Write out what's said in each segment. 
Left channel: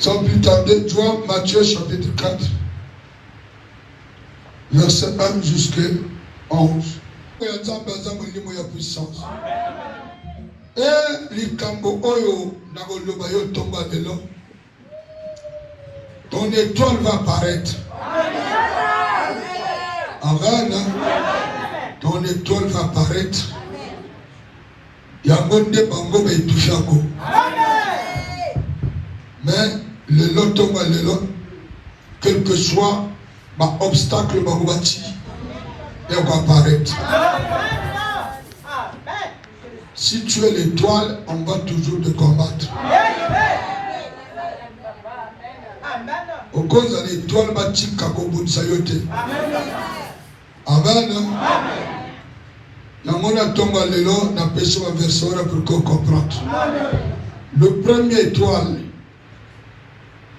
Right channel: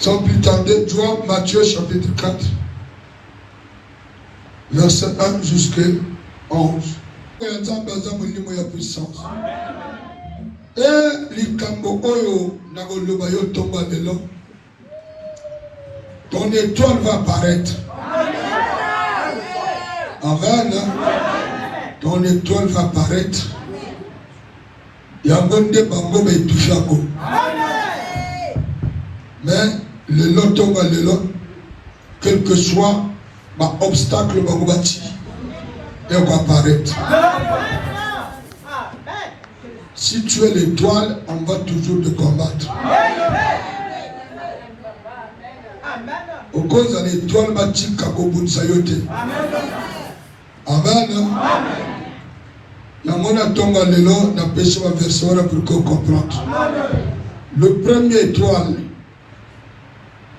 Sans plus tarder, vois Matthieu chapitre 4, verset 1 jusqu'à 11. Il y a une puissance. Et les cambo oyo nagoloba yo tomba lelo. Ton étoile va apparaître. Amen. Ton étoile va apparaître. Yangonde bango be touchako. Mais le lot tomba lelo, quel que soit ma obstacle bango bati, elle va apparaître. Si tu es l'étoile, on va toujours te combattre. Au cause de l'étoile, bâti Kaboboun Sayote. Amen. La mona tomba lelo, n'a péché ma version pour qu'on comprenne. Le premier étoile,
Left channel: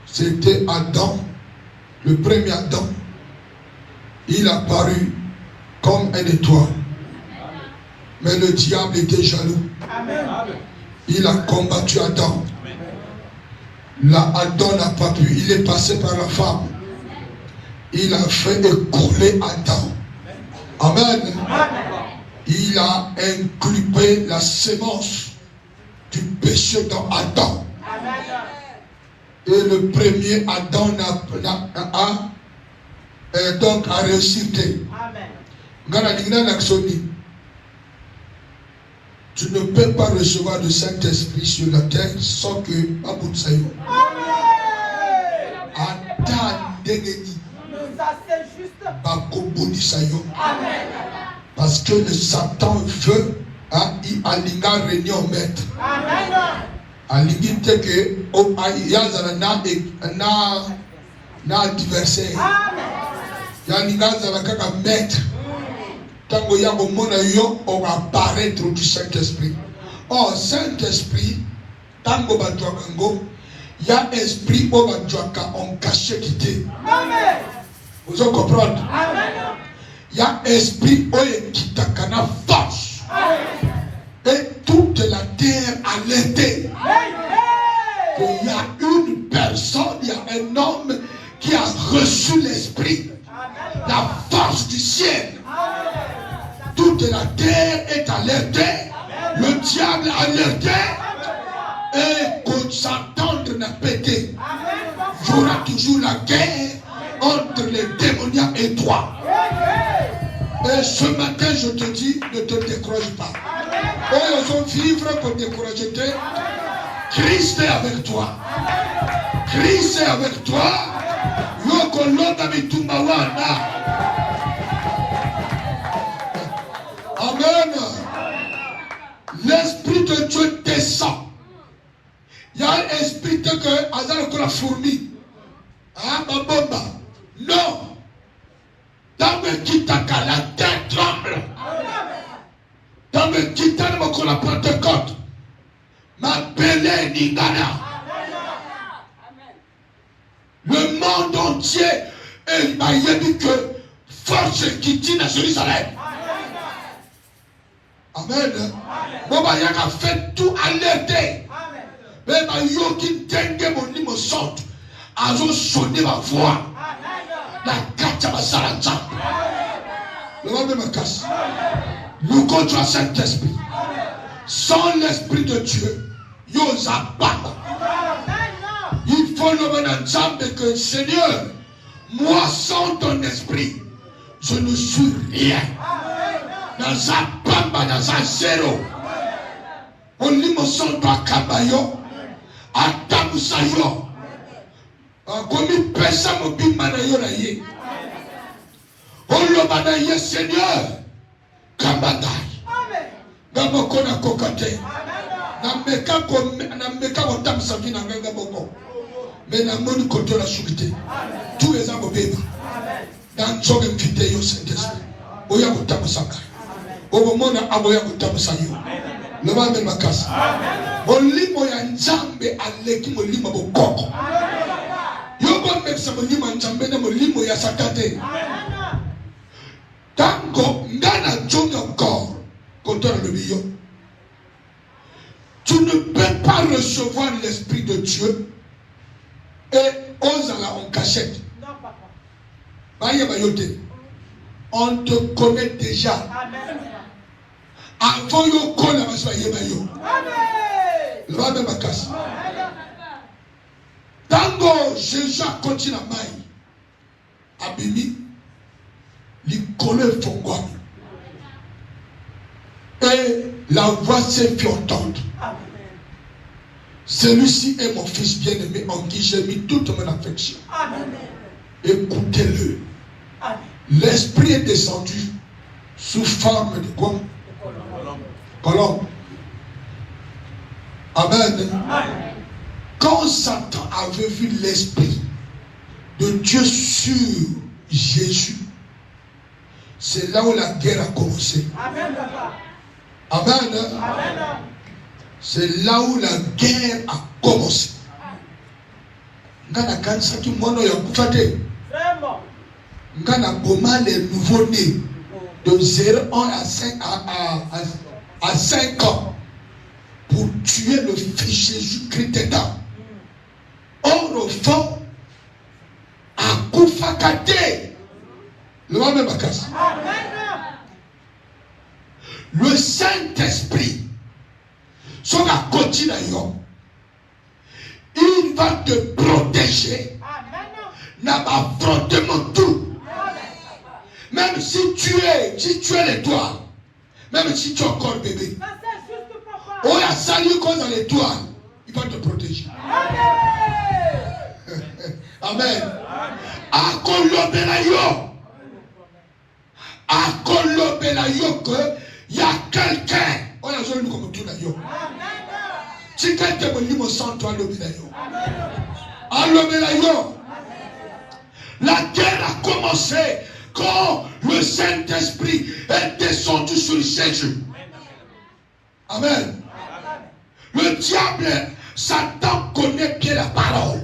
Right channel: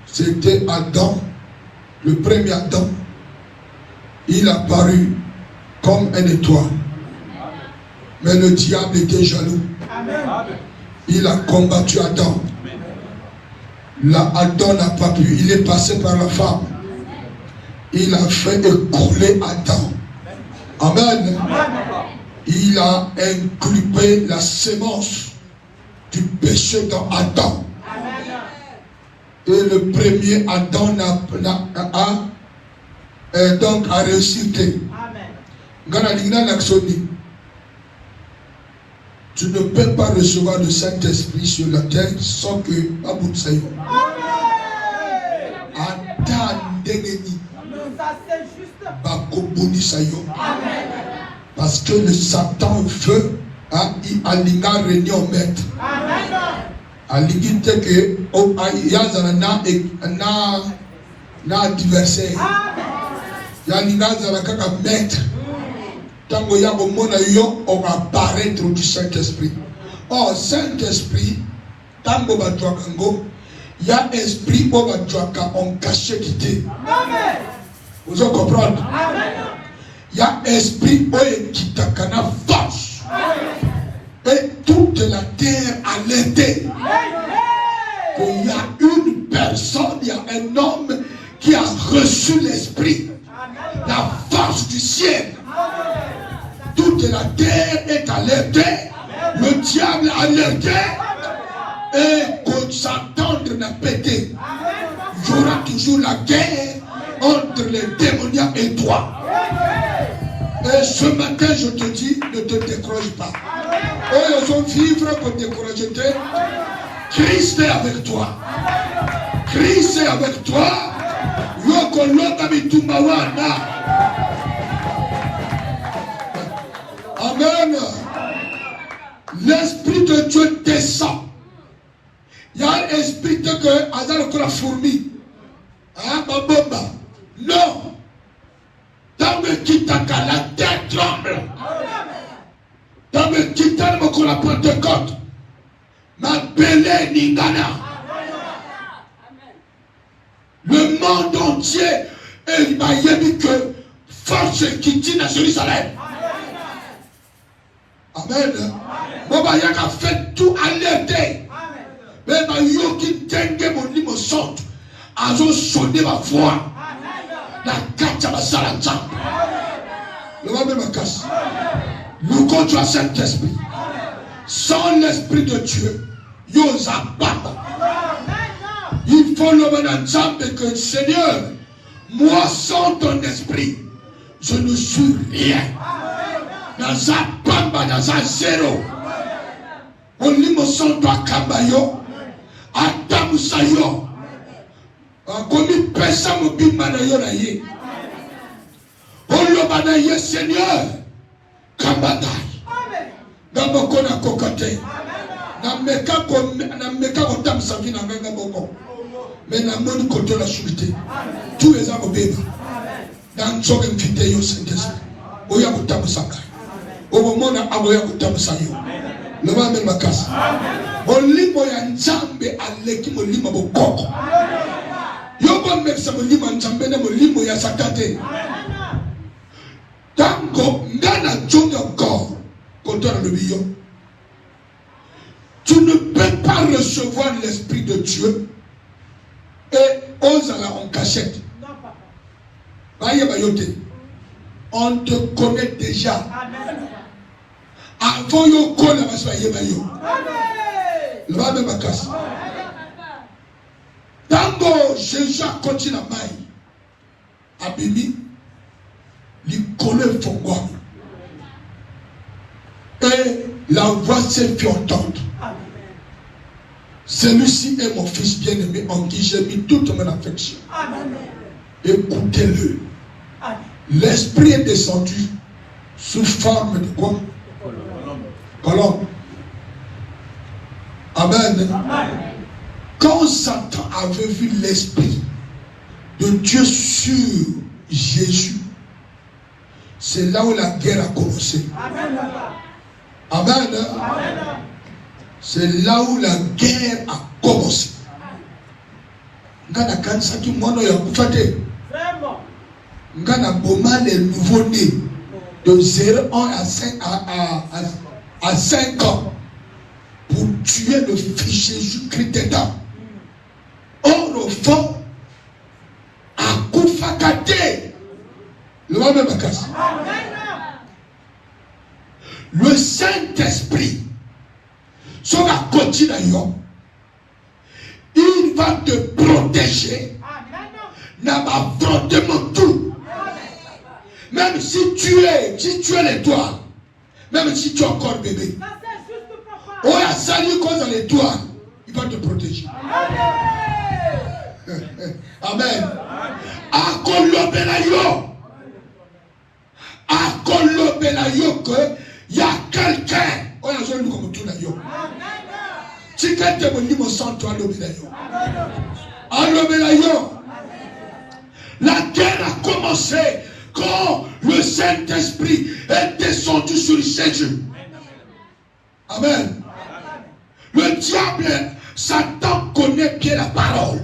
c'était Adam. Le premier Adam, il a apparu comme une étoile. Mais le diable était jaloux. Il a combattu Adam. Là, Adam n'a pas pu. Il est passé par la femme. Il a fait écouler Adam. Amen. Il a inculpé la sémence du péché dans Adam. Et le premier Adam a réussi. Tu ne peux pas recevoir le Saint-Esprit sur la terre sans que Baboun Sayo. Parce que le Satan veut alinga réunion maître. Aligite que na adversaire. Yalinga zalaka maître. Tango ya bomona yo on va apparaître du Saint-Esprit. Oh Saint-Esprit, tango batwaka ngo ya esprit o batwaka on caché quitté. Amen. Vous allez comprendre? Amen. Ya esprit o kitaka na force. Amen. Et toute la terre a l'aidé. Il y a une personne, il y a un homme qui a reçu l'esprit, la force du ciel. Toute la terre est alertée, le diable est alerté, et quand Satan n'a pété, il y aura toujours la guerre entre les démoniaques et toi. Et ce matin, je te dis, ne te décourage pas. Oh, ils ont vivre pour décourager. Christ est avec toi. Christ est avec toi. Amen. L'Esprit de Dieu descend. Il y a un esprit de Dieu qui a la fourmi. Non. Dans le kitaka, la terre tremble. Dans le kitaka, on la Pentecôte. Ma belle Ningana. Le monde entier a dit que force qui tient à Jérusalem. Amen. Baba Yaka fait tout alerter. Mais ma yoki tenge mon limo sort. Azo sonner ma voix. La carte à la salle. Le monde me casse. Nous contre Saint-Esprit. Sans l'Esprit de Dieu, yosa baba. Il faut le ensemble que Seigneur, moi sans ton esprit, je ne suis rien. Dans un bamba, dans un zéro. On lit mon son de Kabayo, Adam Sayo. Comme il pèse à mon bimanayo naye. On le banaye Seigneur, Kabataï. Dans mon corps à cocoté. Nameka kotam savi na nganga boko. Mais na moni koto la chute. Tous les hommes bébé. Dans choque mfite yo Saint-Esprit. Oya kotam saka. Obo mona aboya kotam sayo. Le va me makasi. Olimo ya nzambe aleki molimo bokoko. Yo bon mepsa molimo nzambe na molimo ya sakate. Tango ngana jonga encore. Koto na lebiyo. Tu ne peux pas recevoir l'Esprit de Dieu Et Ozala en cachette. On te connaît déjà. Avant yo connaît ma soeur Yebayo. Le va même casse. Tango Jésus continue à maille. Abimi, il connaît ton goût. Et la voix s'est fait entendre. Celui-ci est mon fils bien-aimé en qui j'ai mis toute mon affection. Écoutez-le. L'esprit est descendu sous forme de quoi? Colombe. Amen. Quand Satan avait vu l'esprit de Dieu sur Jésus, c'est là où la guerre a commencé. Amen. C'est là où la guerre a commencé. Ngana kanisa tout le monde a bouffé. Ngana boma les nouveaux-nés de 0 à 5 ans pour tuer le fils Jésus-Christ dedans. Or, le fond, à Koufakate, le Saint-Esprit, sur la continue, il va te protéger dans l'affrontement tout. Même si tu es l'étoile, même si tu es encore bébé, oh, à salut quand dans l'étoile, il va te protéger. Amen. À Kolobelayo, que il y a quelqu'un, on a besoin de nous comme tout d'ailleurs. Si quelqu'un me dit mon sang, toi, l'obélayo. La guerre a commencé quand le Saint-Esprit est descendu sur Jésus. Amen. Le diable, Satan connaît bien la parole.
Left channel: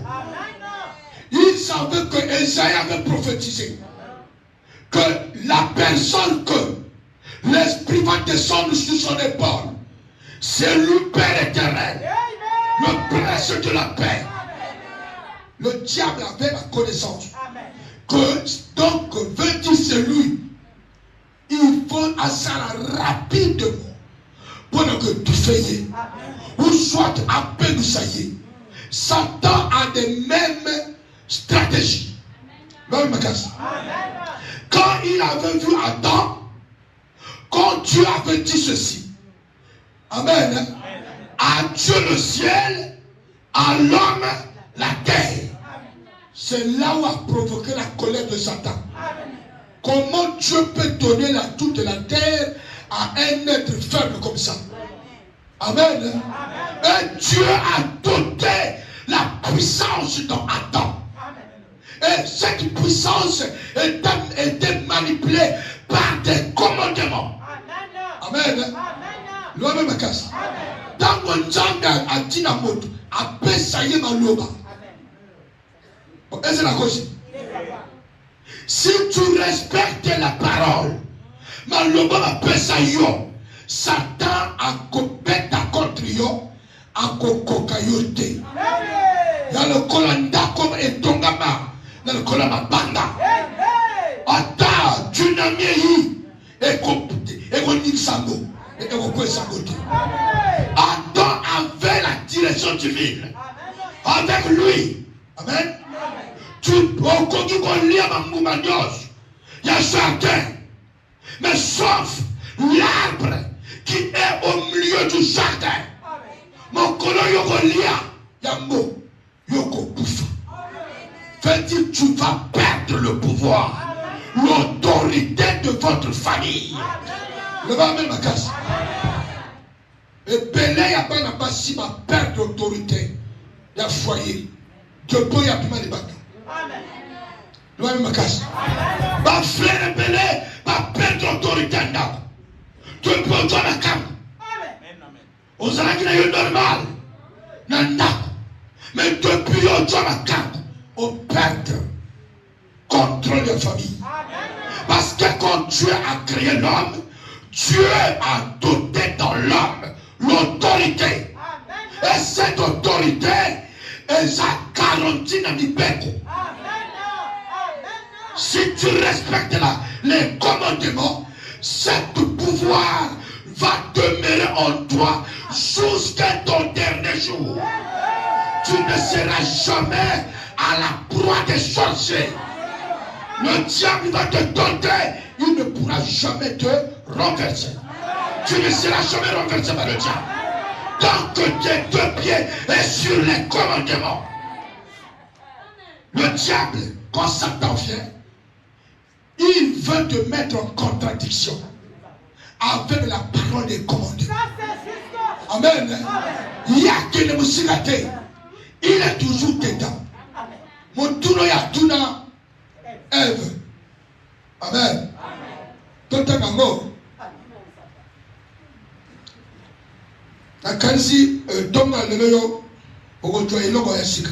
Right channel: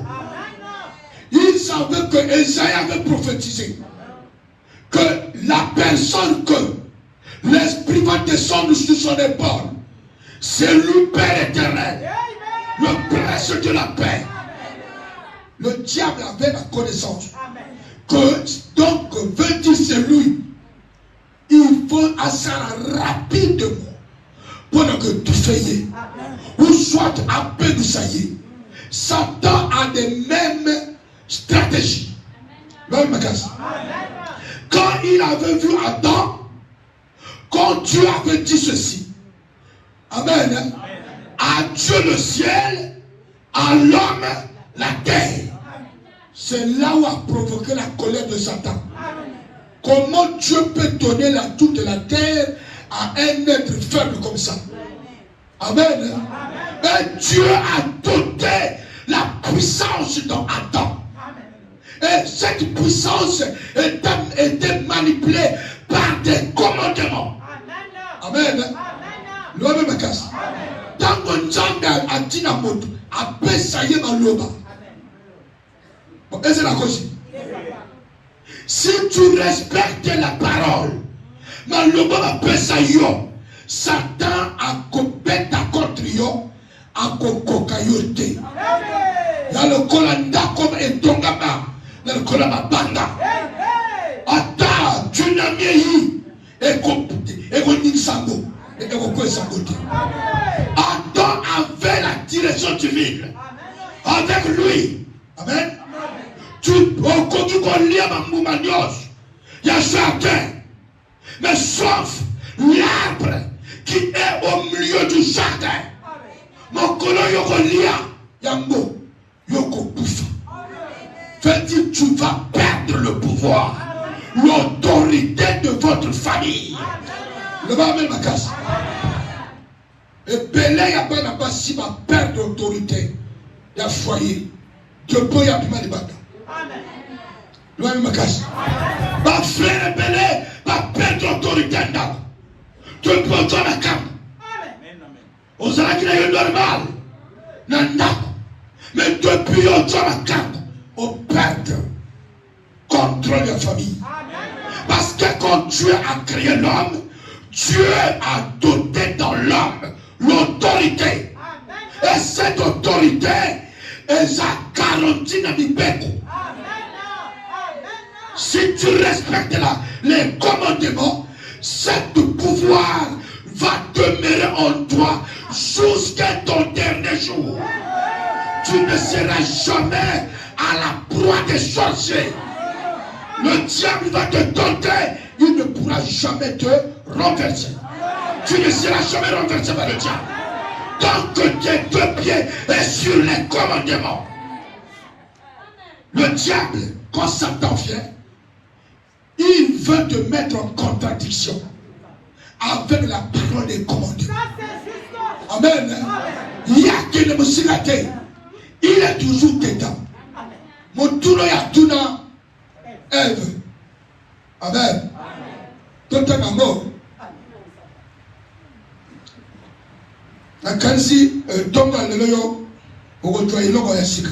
Il savait que Esaïe avait prophétisé que la personne que l'Esprit va descendre sur son épaule, c'est le Père éternel, le prince de la paix. Le diable avait la connaissance que donc veut dire c'est lui. Il faut assez rapidement pour que tu fasses ou soit à peine ça y est. Satan a des mêmes stratégies. Même quand il avait vu Adam, quand Dieu avait dit ceci, amen, à Dieu le ciel, à l'homme la terre. C'est là où a provoqué la colère de Satan. Comment Dieu peut donner toute la terre à un être faible comme ça? Amen. Et Dieu a doté la puissance dans Adam. Et cette puissance était manipulée par des commandements. Amen. L'homme me casse. Dans mon jambe à Dinamoto, à Pessaye Maloba. Et c'est la cause. Si tu respectes la parole, Maloba Pessaye, Satan a coupé ta contre yo, a cococayoté. Dans le colanda comme un tongama, dans le colanda banda. Ata, tu n'as mis et qu'on dit sango, et qu'on peut s'agoter. Adam avait la direction divine. Avec lui. Amen. Tu peux continuer à m'oublier. Il y a chacun. Mais sauf l'arbre qui est au milieu du jardin. Mon colon yokolia, yambo, yoko poufa. Fait dire tu vas perdre le pouvoir, l'autorité de votre famille. Le va même la casse. Et Belé après n'a pas si ma perte d'autorité. Il y a foyer. Dieu peut y avoir des bâtons. Le va même la casse. Ma frère Belé va perdre d'autorité. Dieu peut y avoir la cam. Vous allez qu'il y ait normal. Mais depuis le temps, on perd contre les familles. Parce que quand Dieu a créé l'homme, Dieu a doté dans l'homme l'autorité. Et cette autorité est garantie na mibeko. Si tu respectes les commandements, ce pouvoir va demeurer en toi jusqu'à ton dernier jour. Tu ne seras jamais à la proie des sorciers. Le diable va te tenter, il ne pourra jamais te renverser. Tu ne seras jamais renversé par le diable. Tant que tes deux pieds sont sur les commandements. Le diable, quand Satan vient, il veut te mettre en contradiction avec la parole des commandements. Amen. Il y a qui ne me s'y raté. Il est toujours dedans. Mon tour est à tout dans Ève. Amen. Tout est maman. La kansi donc dans le lieu où on doit y aller à Sika.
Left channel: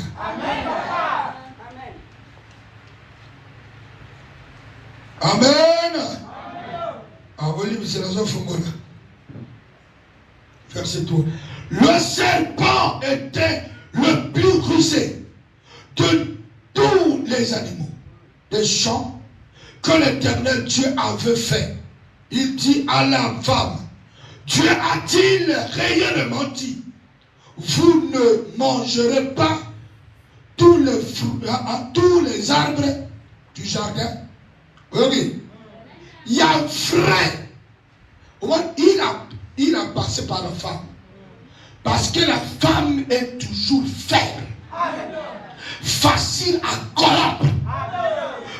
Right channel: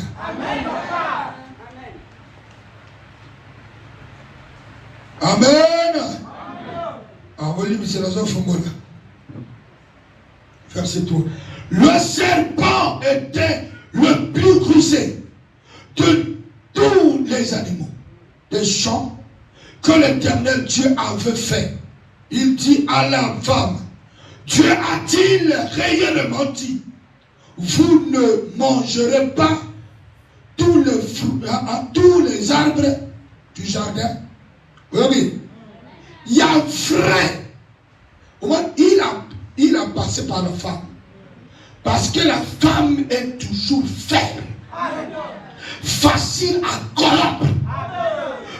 Amen. Amen. Verset 3. Le serpent était le plus rusé de tous les animaux des champs que l'Éternel Dieu avait fait. Il dit à la femme, Dieu a-t-il réellement dit, vous ne mangerez pas tous les arbres du jardin? Oui. Il y a vrai. Il a passé par la femme. Parce que la femme est toujours faible. Facile à corrompre.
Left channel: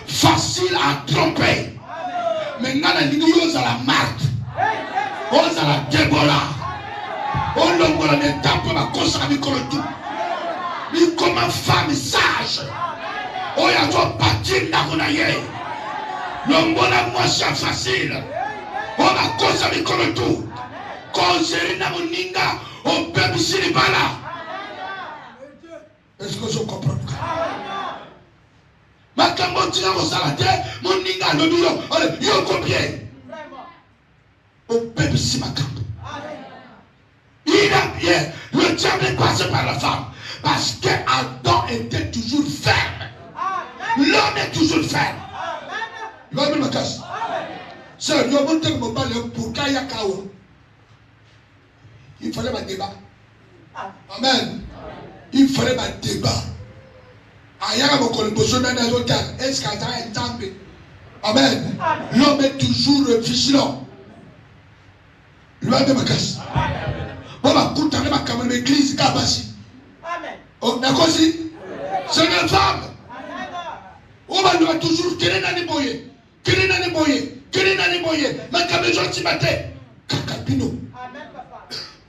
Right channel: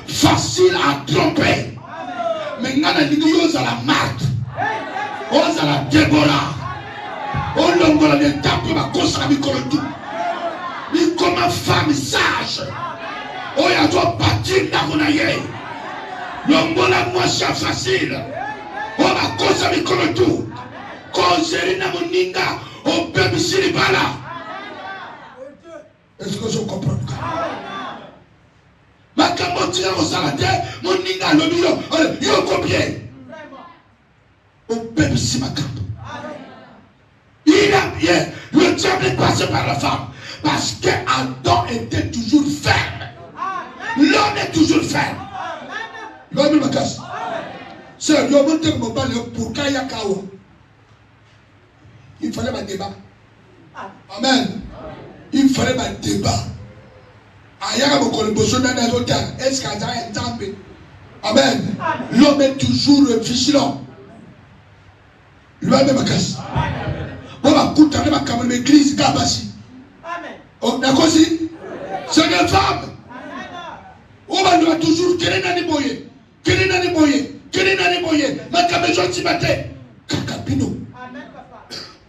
Facile à tromper. Maintenant, les lignes à la marque. On a la Déborah. On a les tapes la cause à tout. Mais comme une femme sage. On a tout bâti dans mon aïe. Le monde a moins facile. On a cause à tout. Cause à mon ninga. On peut me s'y bala. Est-ce que je comprends? Ma camotia vous arrêtez. Mon ninga le milieu. Yo combien? On peut me s'y bala. Le diable est passé par la femme. Parce qu'Adam était toujours ferme. L'homme est toujours ferme. L'homme me casse. C'est l'homme qui me parle pour Kaya Kao. Il fallait un débat. Amen. Il fallait un débat. Est-ce qu'il y a un temps? Amen. L'homme est toujours vigilant. L'homme me casse. On va écouter ma caméra d'église d'Abassi. On a aussi. C'est une femme. On va nous toujours quel est boyer. Quel est boyer. Quel est boyer. Ma caméra gentil matin. Kakapino.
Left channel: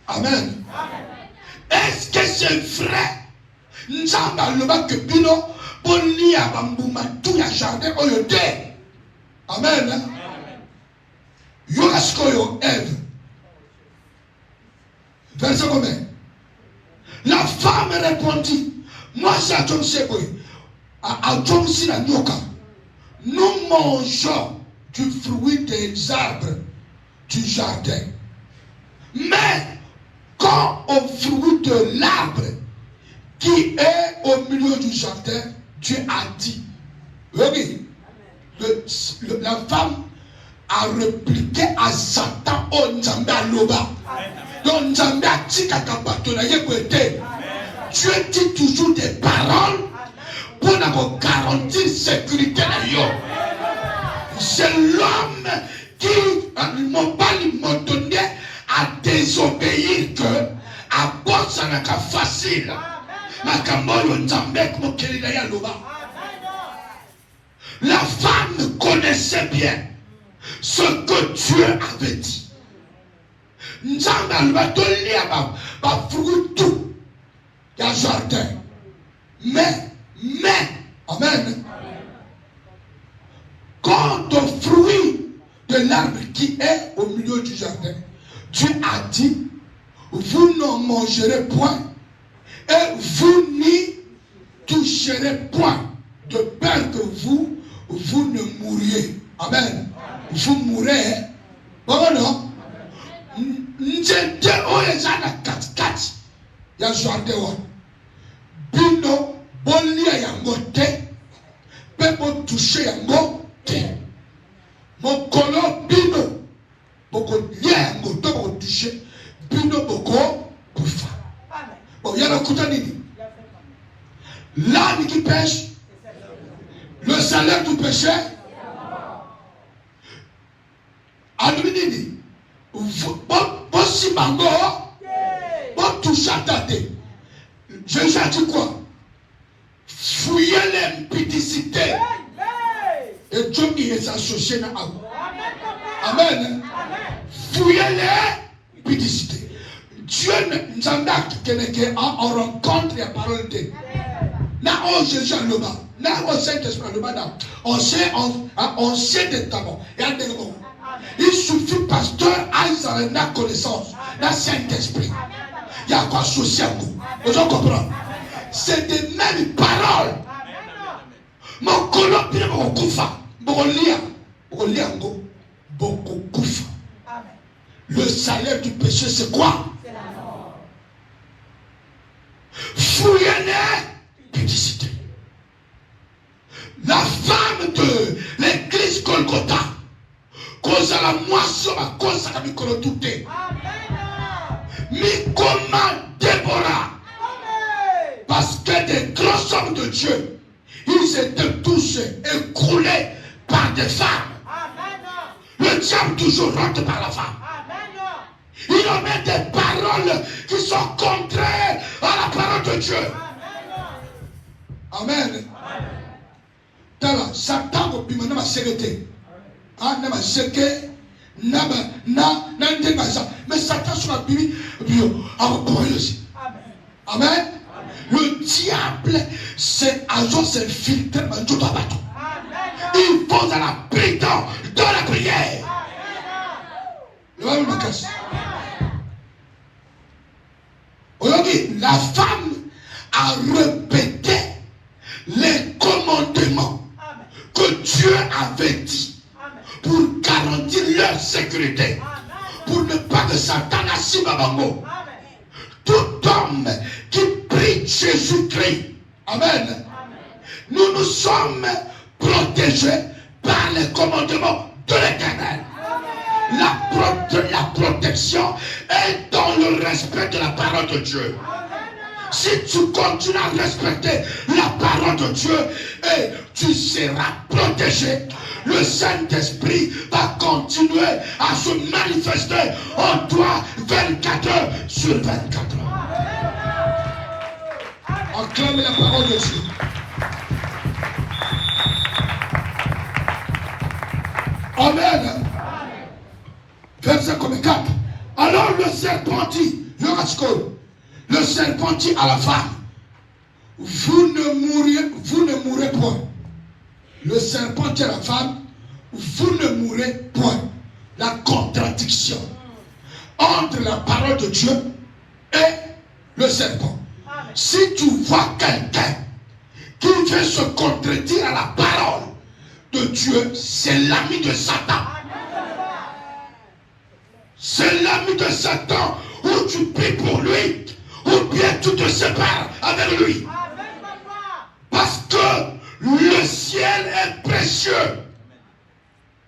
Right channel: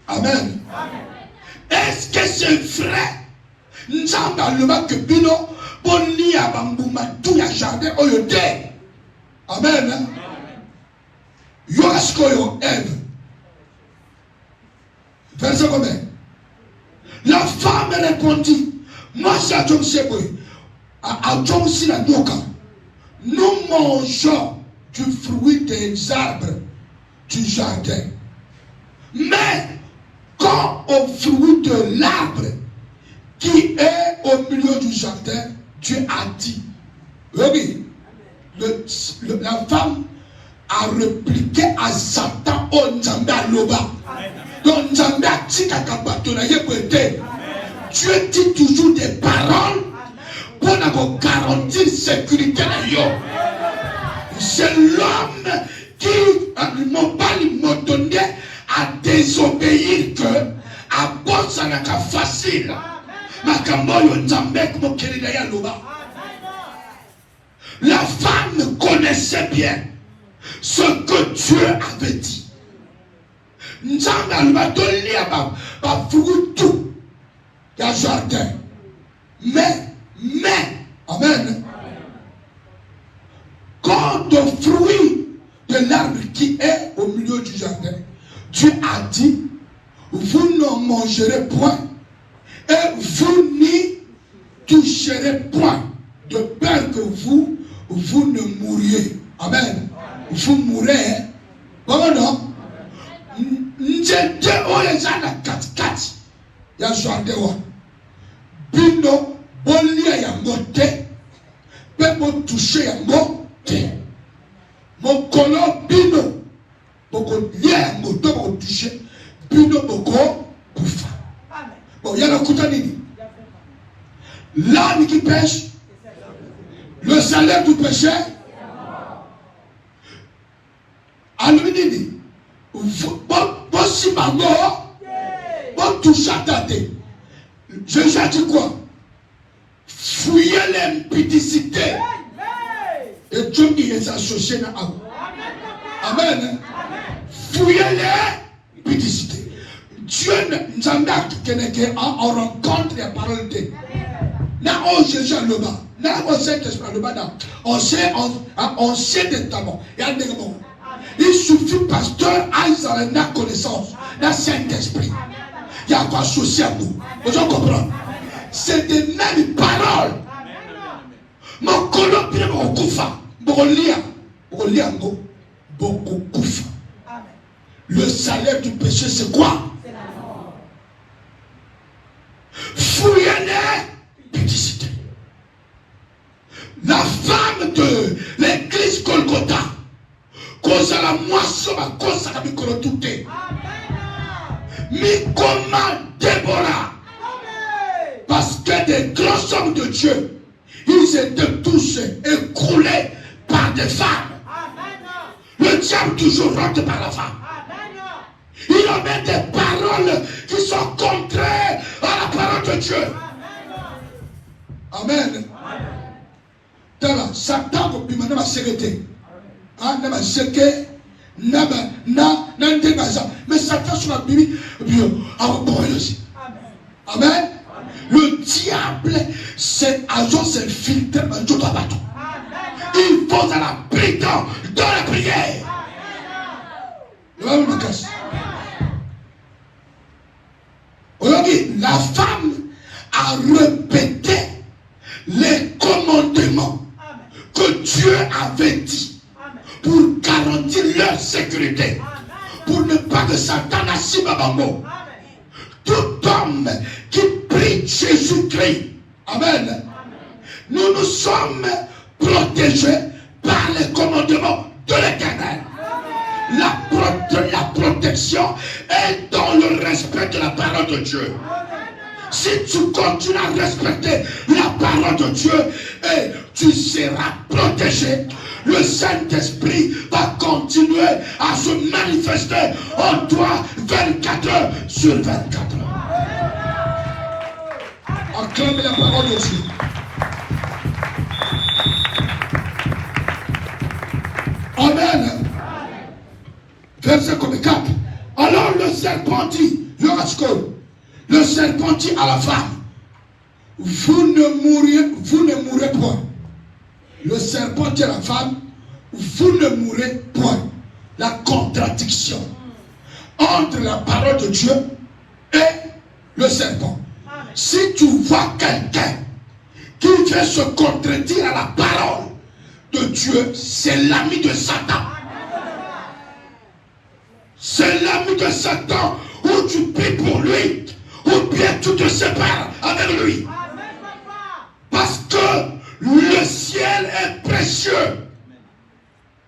Amen. Est-ce que c'est vrai? Nous avons que Bino, bon lit à Bambouma, tout le jardin, au yote. Amen. Yoraskoyo, Ève. Verset combien? La femme répondit, moi c'est à John Seboué, à John Sinanoka, nous mangeons du fruit des arbres du jardin. Mais quand au fruit de l'arbre qui est au milieu du jardin, Dieu a dit, oui, la femme a répliqué à Satan au Nzambe à Loba. Donc Nzambe a dit qu'à Dieu dit toujours des paroles pour nous garantir sécurité. C'est l'homme qui n'a pas donné à désobéir que à cause ça n'a qu'à facile. La femme connaissait bien ce que Dieu avait dit. Nzambe va donner à fruit tout dans le jardin. Mais, amen. Quand le fruit de l'arbre qui est au milieu du jardin, Dieu a dit, vous ne mangerez point et vous n'y toucherez point, de peur que vous ne mouriez. Amen. Vous mourrez. Bon, non? Njete oyezana katikati ya jardin wa bino boli L'âme qui pêche, le salaire du péché, Alumini, si maman, bon touche à tâter. Jésus a dit quoi? Fouillez l'impudicité. Et Dieu qui les a associés dans l'âme. Amen. Fouillez l'impudicité. Dieu nous a mis en rencontre les paroles de Là, on Jésus a le bas. Là, on sait que c'est pas le bas. On sait des talents. Et un élément. Il suffit, pasteur, à la connaissance, la Saint-Esprit. Il y a quoi associé à vous. Vous comprenez? C'est des mêmes paroles. Mon colloque, mon koufa. Beaucoup koufa. Le salaire du péché, c'est quoi? Fouillez l'impudicité. La femme de l'église Golgotha, cause à la moisson, à cause à la micro-touté. Mais comment Déborah? Parce que des grands hommes de Dieu, ils étaient tous écroulés par des femmes. Le diable toujours rentre par la femme. Il en met des paroles qui sont contraires à la parole de Dieu. Amen. Dans Satan, il m'a sécurité. Mais Satan sur la Bible, amen. Le diable, c'est agent, c'est filtre en tout bateau. Il faut à la prière, dans la prière. Aujourd'hui, la femme a répété les commandements que Dieu avait dit pour garantir leur sécurité, pour ne pas que Satan n'assime à Bambo. Tout homme qui prie Jésus-Christ, amen, nous sommes protégés par les commandements de l'Éternel. La protection est dans le respect de la parole de Dieu. Si tu continues à respecter la parole de Dieu, et tu seras protégé. Le Saint-Esprit va continuer à se manifester en toi 24 heures sur 24 heures. Acclamez la parole de Dieu. Amen. Verset 4. Alors le serpent dit, le serpent dit à la femme, vous ne mourrez point. Le serpent dit à la femme, vous ne mourrez point. La contradiction entre la parole de Dieu et le serpent. Si tu vois quelqu'un qui veut se contredire à la parole de Dieu, c'est l'ami de Satan. C'est l'ami de Satan, où tu pries pour lui, ou bien tu te sépares avec lui. Parce que le ciel est précieux.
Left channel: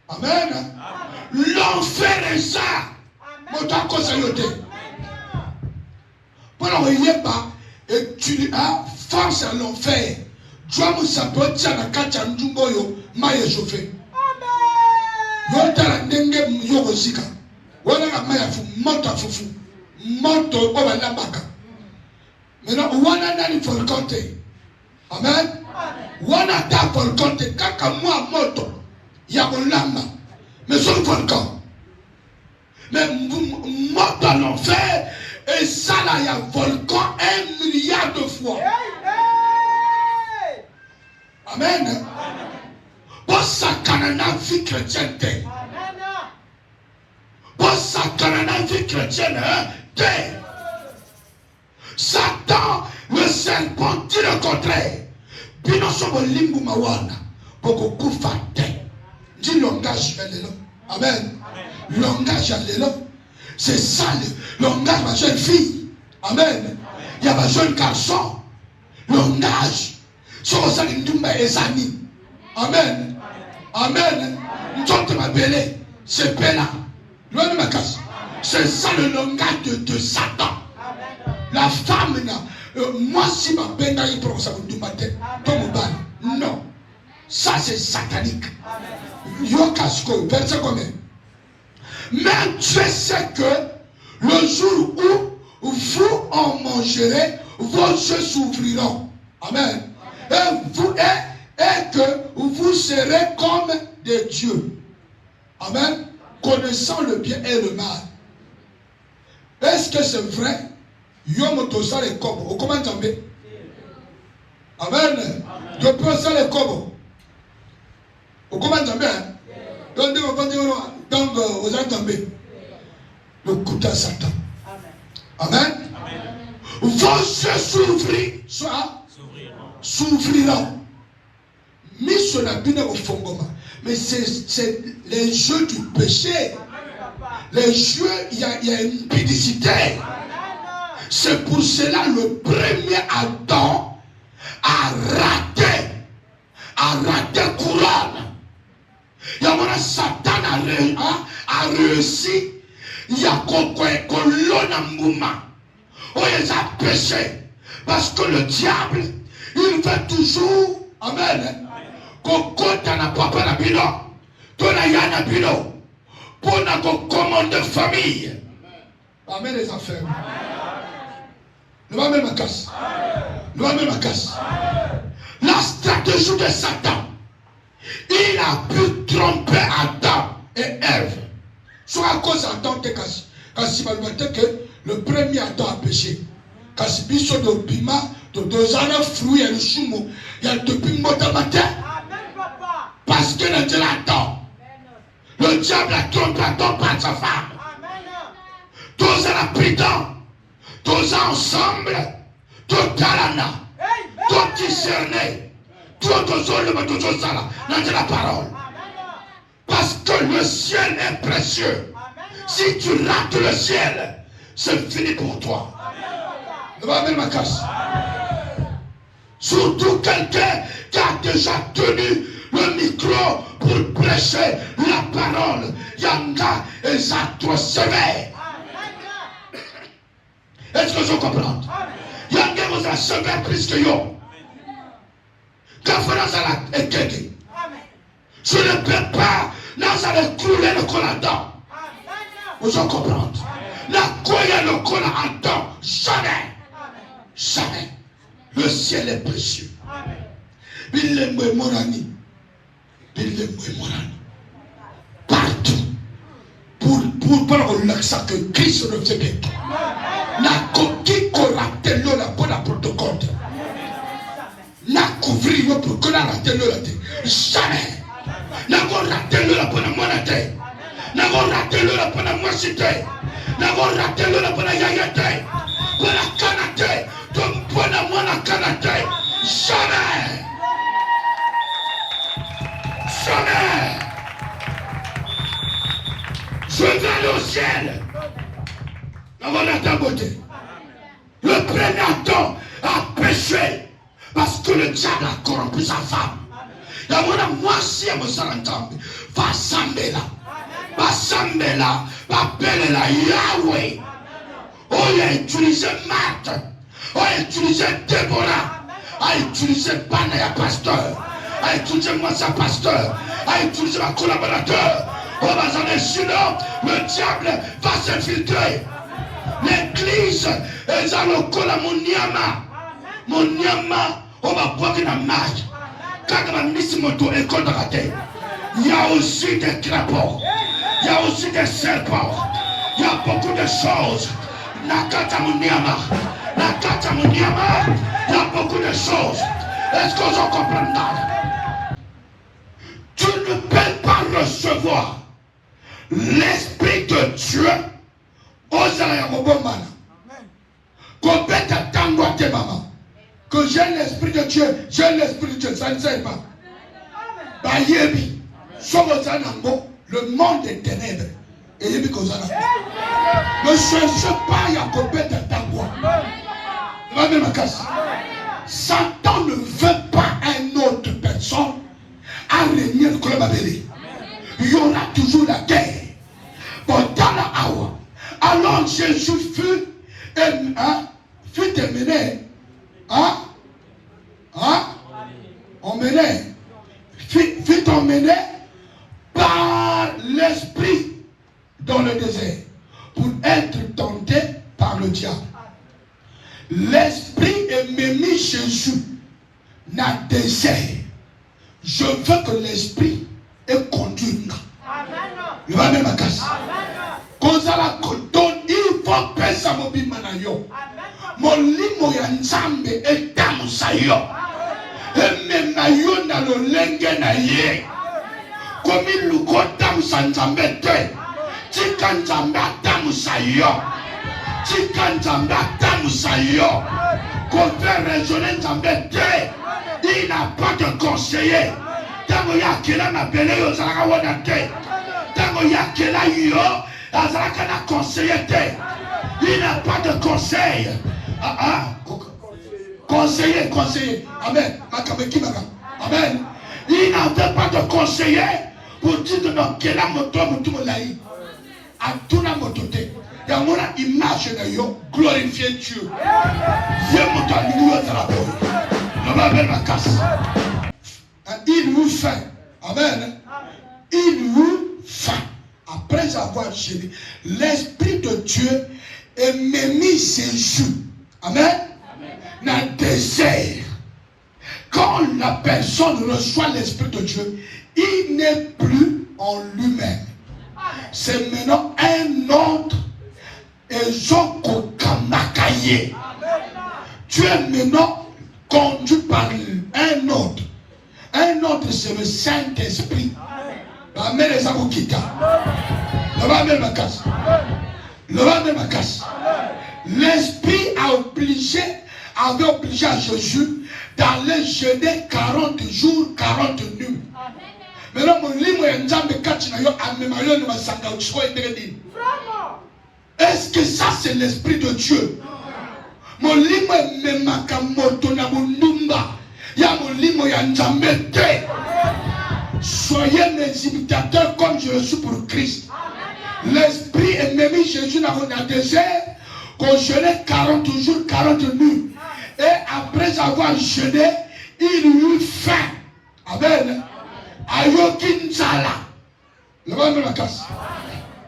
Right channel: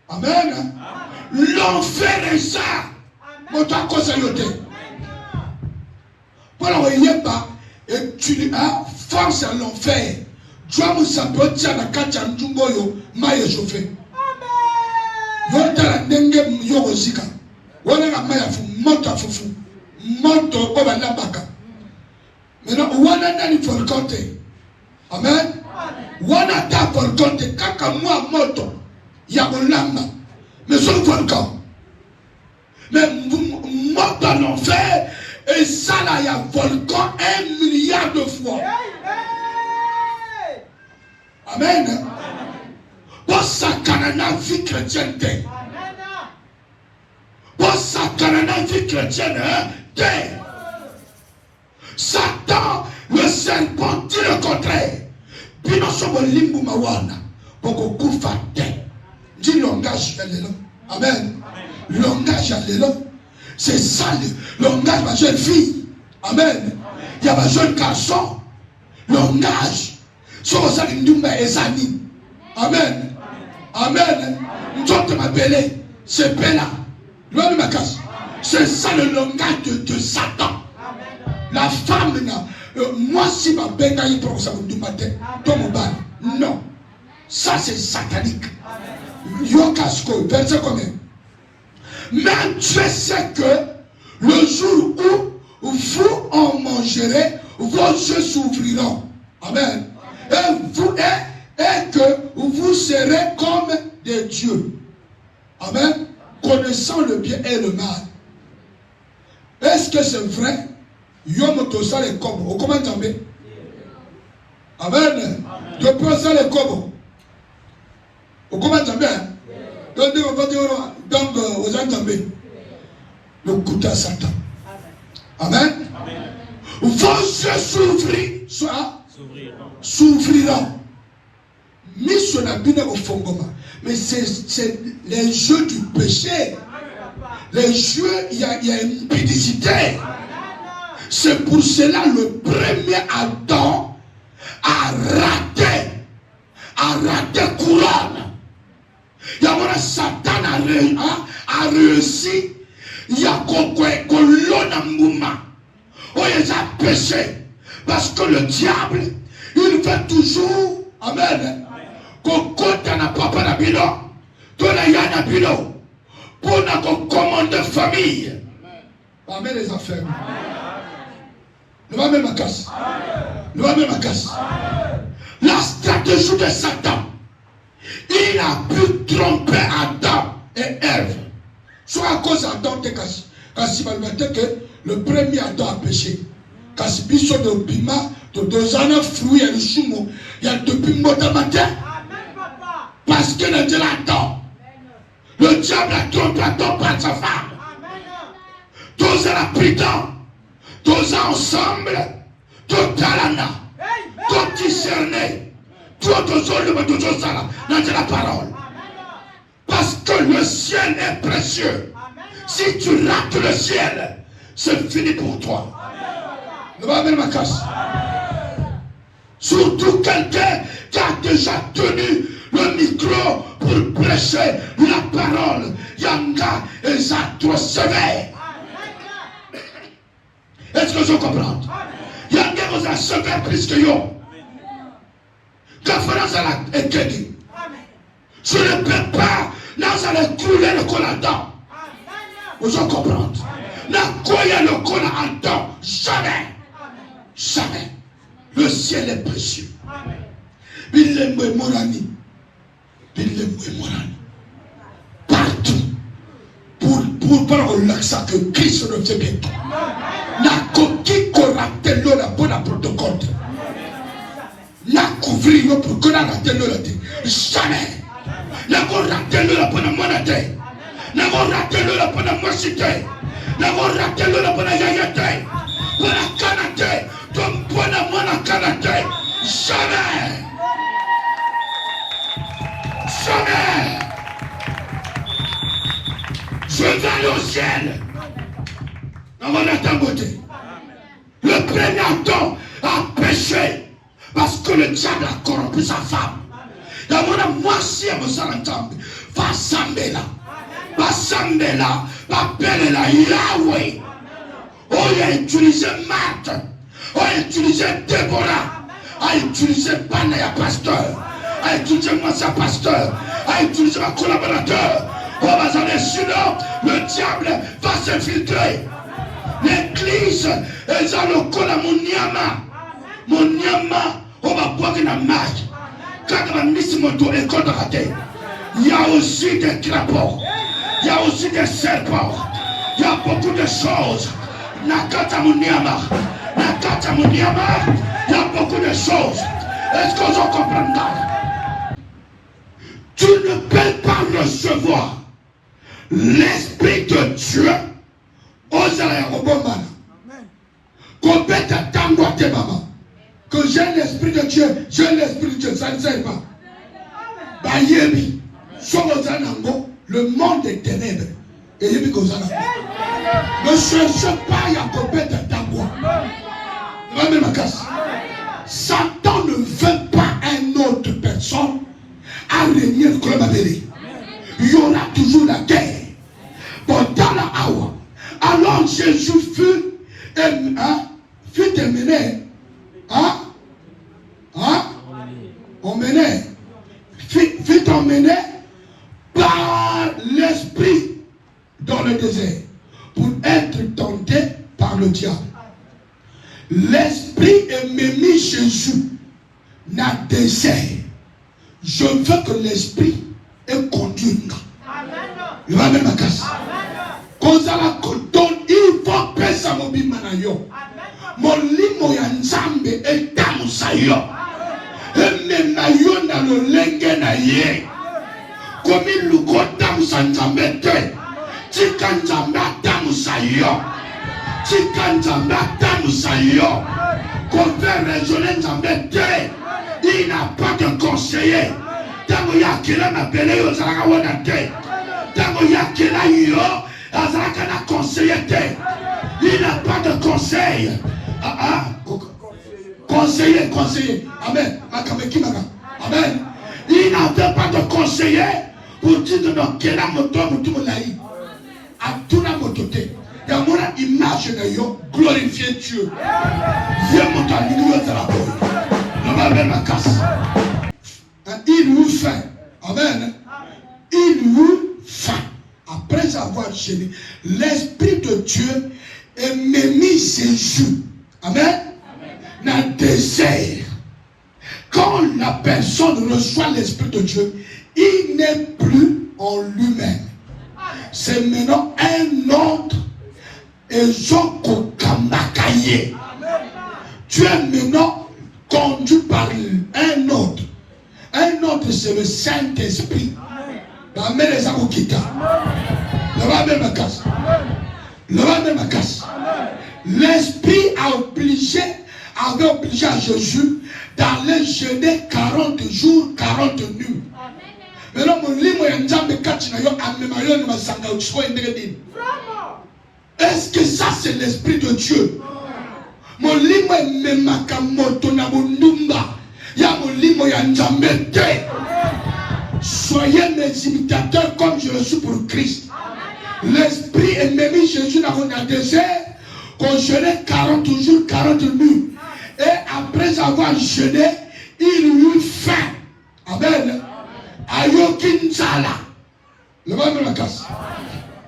Amen. L'enfer est ça. Voilà, on y est pas. Et tu as force à l'enfer. Tu as moussa dotia na kacha njungoyo maye chauffé. Yonta nenge myogo zika. Wana na maya fu mota fufu. Moto oba na baka. Maintenant, wana nani forgote. Amen. Wana ta forgote kaka mwa moto ya ulanga. Mais son volcan. Mais moto à l'enfer. Et ça là, il y a volcan 1 milliard de fois. Amen. Pour ça, la vie chrétienne. Pour ça, la vie chrétienne. Satan, le serpent, dit le contraire. Bino sobo limbu mawana. Pour que vous fassiez. Dit langage, amen. Langage, c'est ça le langage de ma jeune fille. Amen. Il y a ma jeune garçon. Langage. Amen. Amen. Nous m'appeler. C'est Bella. C'est ça le langage de Satan. La femme, Moi, si ma peine a eu pour ça, du matin, non. Ça, c'est satanique. Yokasko, verset combien? Mais Dieu sait que le jour où vous en mangerez, vos yeux s'ouvriront. Amen. Et que vous serez comme des dieux. Amen. Connaissant le bien et le mal. Est-ce que c'est vrai? Yomotosa les kobo. Comment tomber? Amen. De poser les kobo. Comment tomber? Donc, vous entendez? Le coup de Satan. Amen. Vos yeux s'ouvriront. Mis sur la bine au fondement. Mais c'est les jeux du péché. Les jeux, il y a une impudicité. C'est pour cela le premier Adam a raté couronne. Il y a Satan a réussi. Il y a il a péché. Parce que le diable, il veut toujours, amen, pour notre commande de famille. Amen les affaires. Nous allons ma casse. Nous allons ma casse. La stratégie de Satan, il a pu tromper Adam et Ève. Soit à cause d'Adam de casse. Parce que le premier Adam a péché. Parce que biso de bima, de deux ans fruits et le choumo, il y a depuis matin. Parce que le Dieu Adam, le diable a trompé Adam par sa femme. Tous à la prident, tous ensemble, tout talana, tout discerné, tout dans la parole. Parce que le ciel est précieux. Si tu rates le ciel, c'est fini pour toi. Nous allons ma casse. Surtout quelqu'un qui a déjà tenu le micro pour prêcher la parole. Yanga et ça trop sévère. Est-ce que je comprends? Yanga vous a sévère plus que yo. La France a été dit. Je ne peux pas. Là, ça va couler le col en temps. Vous en comprenez? Là, couler le col en temps. Jamais. Jamais. Le ciel est précieux. Il est morani. Il est morani. Partout. Pour parler de ça que Christ ne fait pas. La coquille corrapte la bonne protocole. La couvrir pour qu'on a raté le raté. Jamais. La raté le bonne monnaie. La raté le bonne machité. La raté le bonne yayate. Pour la canate. Donc pour la monnaie canate. Jamais. Jamais. Je vais aller au ciel. On va la beauté. Le premier Adam a péché. Parce que le diable a corrompu sa femme. Et voilà, moi si elle me s'entend, va s'emmener là, va appeler la Yahweh. On a utilisé Marthe, on a utilisé Déborah, on a utilisé Banaya pasteur, on a utilisé Massa pasteur, on a utilisé un collaborateur. On va aller sinon, le diable va s'infiltrer. L'église est dans le col à mon nyama, on va porter la marque. Quand on va misser mon dos et qu'on va rater, il y a aussi des crapauds, il y a aussi des serpents, il y a beaucoup de choses. Nakata Muniama, il y a beaucoup de choses. Est-ce qu'on s'en comprend là? Tu ne peux pas recevoir l'Esprit de Dieu aux Zayabobomana. Complète à tango à tes mamans. Que j'ai l'Esprit de Dieu, ça ne sert pas. Bayebi, Somozanambo, le monde des ténèbres. Et Yebi Kozanambo. Ne cherche pas à complète à tango. Va même à casse. Satan ne veut pas une autre personne à régner le club abélé. Il y aura toujours la guerre. Pendant la awa. Alors Jésus fut terminé fut emmené par l'esprit dans le désert pour être tenté par le diable. L'esprit est mis Jésus dans le désert. Je veux que l'esprit est conduit. Il va même à casse. Quand ça la donne, il faut penser à mon bimanayo. Mon limo ya nzambe est dans sayo. Et même nayo dans le lengue na ye. Comme il le kota musanzambe te. Tika nzambe dans sayo. Tika nzambe dans sayo. Qu'on fait raisonner nzambe te. Il n'a pas de conseiller. Tango ya kila na pele yo zalaka wana te. Tango ya kila yo azalaka na conseiller te. Il n'a pas de conseil. Conseiller. Amen. Amen. Il n'avait pas de conseiller pour dire que dans quelle moto tout le à tout la moto te. Dans mon image de yo glorifier Dieu. Dieu mon temps il nous travaille. Il vous fait. Amen. Il vous fait. Après avoir gêné, l'Esprit de Dieu est mis Jésus. Amen. Dans le désert. Quand la personne reçoit l'Esprit de Dieu, il n'est plus en lui-même. C'est maintenant un autre. Et Joko Kamakaye. Tu es maintenant conduit par un autre. Un autre, c'est le Saint-Esprit. Amen. Les Aboukita. Le va même casse. Le va même casse. L'Esprit avait obligé à Jésus d'aller jeûner 40 jours, 40 nuits. Maintenant, mon livre est en train de est-ce que ça c'est l'Esprit de Dieu? Mon livre est soyez mes imitateurs comme je le suis pour Christ. L'Esprit est mis Jésus dans le désert, qu'on jeûnait 40 jours, 40 nuits. Et après avoir jeûné, il eut faim. Amen. Ayokin Zala. Le va de la casse.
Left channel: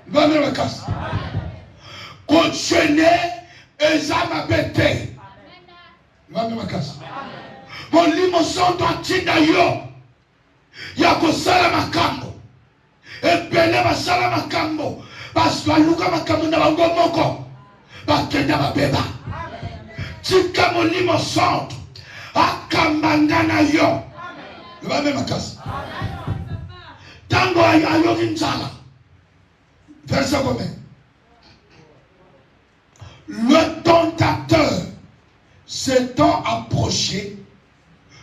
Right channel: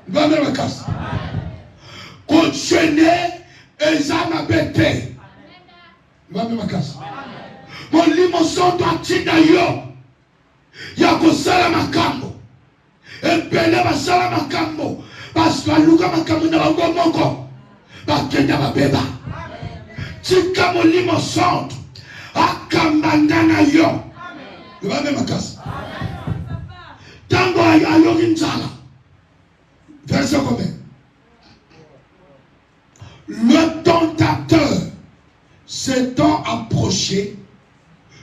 Le va de la casse. Qu'on jeûnait, et ça m'a bêté. Le va de la casse. Mon limoson doit t'inayo. Yako sala makambo. Epele basala makambo. Parce que luka makambo na bango moko. Bakenda babeba. Tika mon limoson. Akambangana yo. Le va de la casse. Tango ayo kinzala. Verset combien? Le tentateur s'étant approché,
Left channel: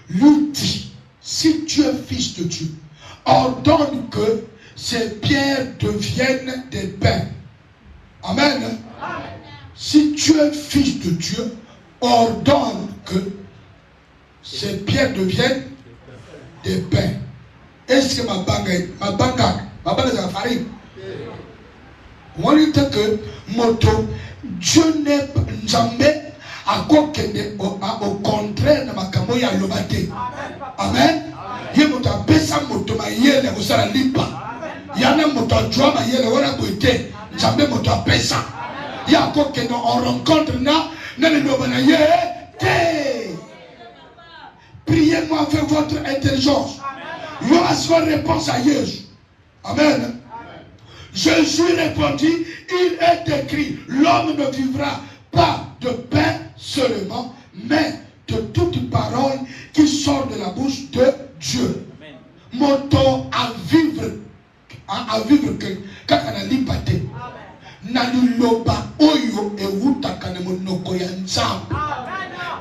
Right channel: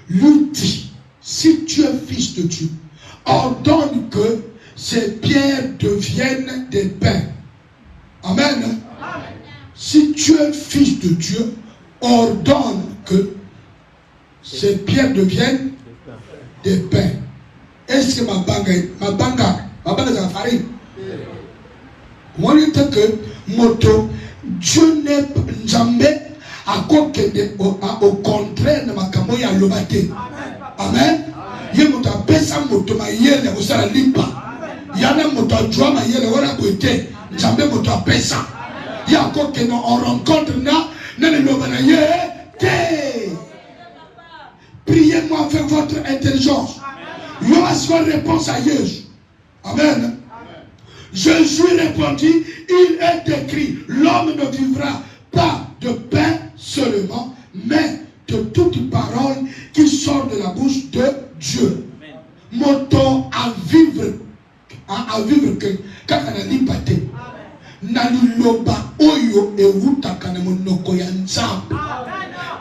lui dit, si tu es fils de Dieu, ordonne que ces pierres deviennent des pains. Amen. Si tu es fils de Dieu, ordonne que ces pierres deviennent des pains. Est-ce que ma banga est en farine? Moi, je dis que moto, Dieu n'est jamais à quoi au contraire de ma camoya lobate. Amen. Il y a un pesa moto ma yele au sala limpa. Il y a un moto joie ma yele ora côté. Jamais moto pesa. Il y a quoi que on rencontre na le lobana yele. Priez-moi avec votre intelligence. Il y aura soit réponse à Jésus. Amen. Jésus répondit, il est écrit, l'homme ne vivra pas de pain seulement, mais de toute parole qui sort de la bouche de Dieu. Moto à vivre que quand on a dit pâté, nali loba oyo e wuta kanemonoko ya nzambe.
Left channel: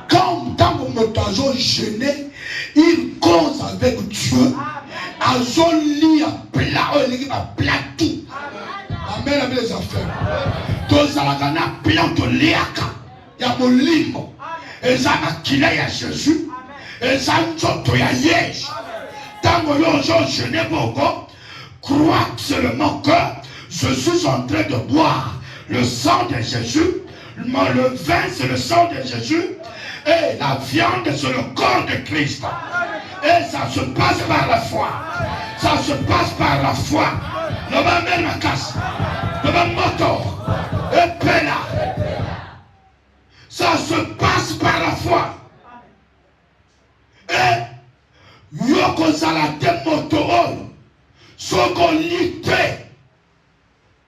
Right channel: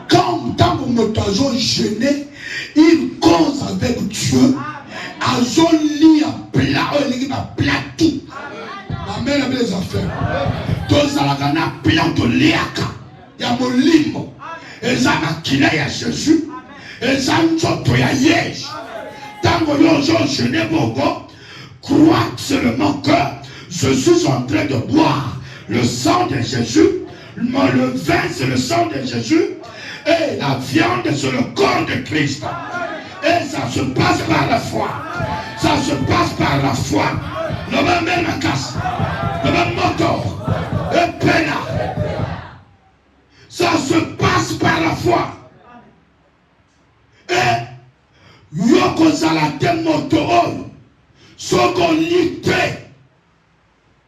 Quand tant que moto a jeûné, il cause avec Dieu. Azon li a plat, il a plat tout. Amen avec les affaires. Tous à la cana plat de liaka. Il y a mon limo. Et ça m'a kiné à Jésus. Et ça m'a ya yej. Tant que je n'ai pas crois seulement que je suis en train de boire le sang de Jésus. Le vin c'est le sang de Jésus. Et la viande c'est le corps de Christ. Et ça se passe par la foi. Ça se passe par la foi. Le va mettre la casse. Le va moto. Et pena. Ça se passe par la foi. Et yoko salate moto. Soko lite.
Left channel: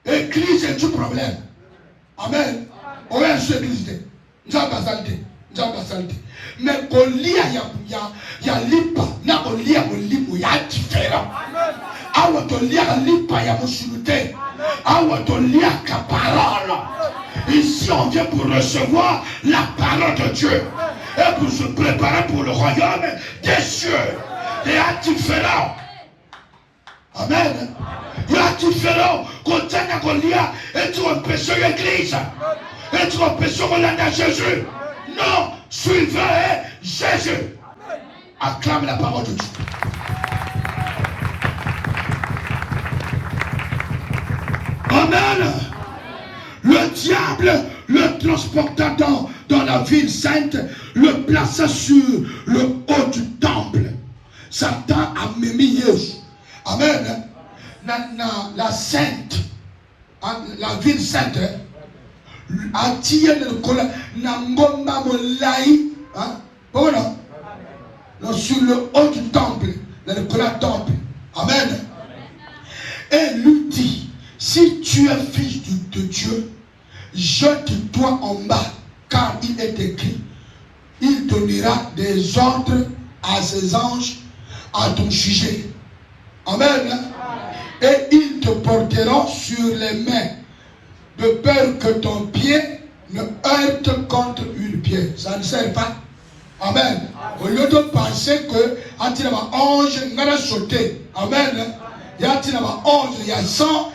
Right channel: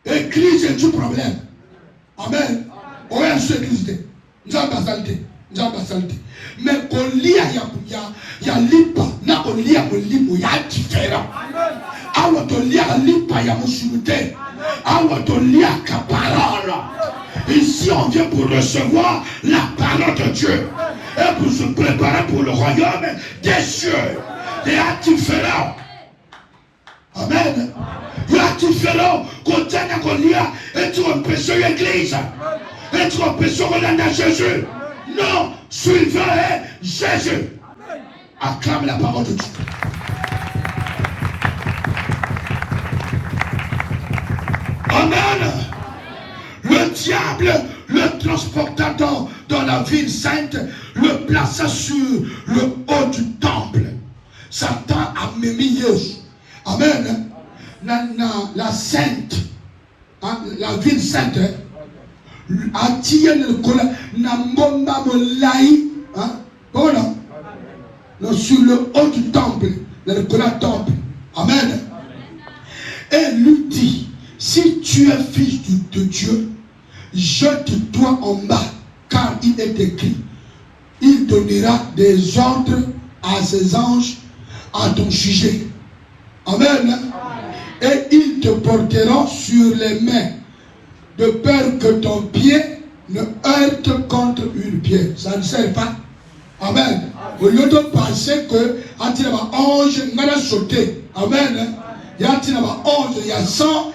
Église est du problème. Amen. Ouais, c'est église. Nous avons salté. Mais qu'on lit ya lipa na qu'on lit à lipo ya différent. Awa to lit à lipa ya musulté. Awa to lit à parole. Ici on vient pour recevoir la parole de Dieu et pour se préparer pour le royaume des cieux. Il y a différent. Amen. Il y a différent. Quand tu as qu'on lit et tu empêches l'église et tu empêches de Jésus. Non, suivez Jésus. Acclame la parole de Dieu. Amen. Le diable le transporta dans la ville sainte, le plaça sur le haut du temple. Satan a mis Amen. La sainte, la ville sainte, sur le haut du temple, le temple. Amen. Et lui dit, si tu es fils de Dieu, jette-toi en bas, car il est écrit, il donnera des ordres à ses anges à ton sujet. Amen. Et ils te porteront sur les mains, de peur que ton pied ne heurte contre une pierre. Ça ne sert pas. Amen. Au lieu de penser que ange n'a sauté. Amen. Il y a ange, il y a 100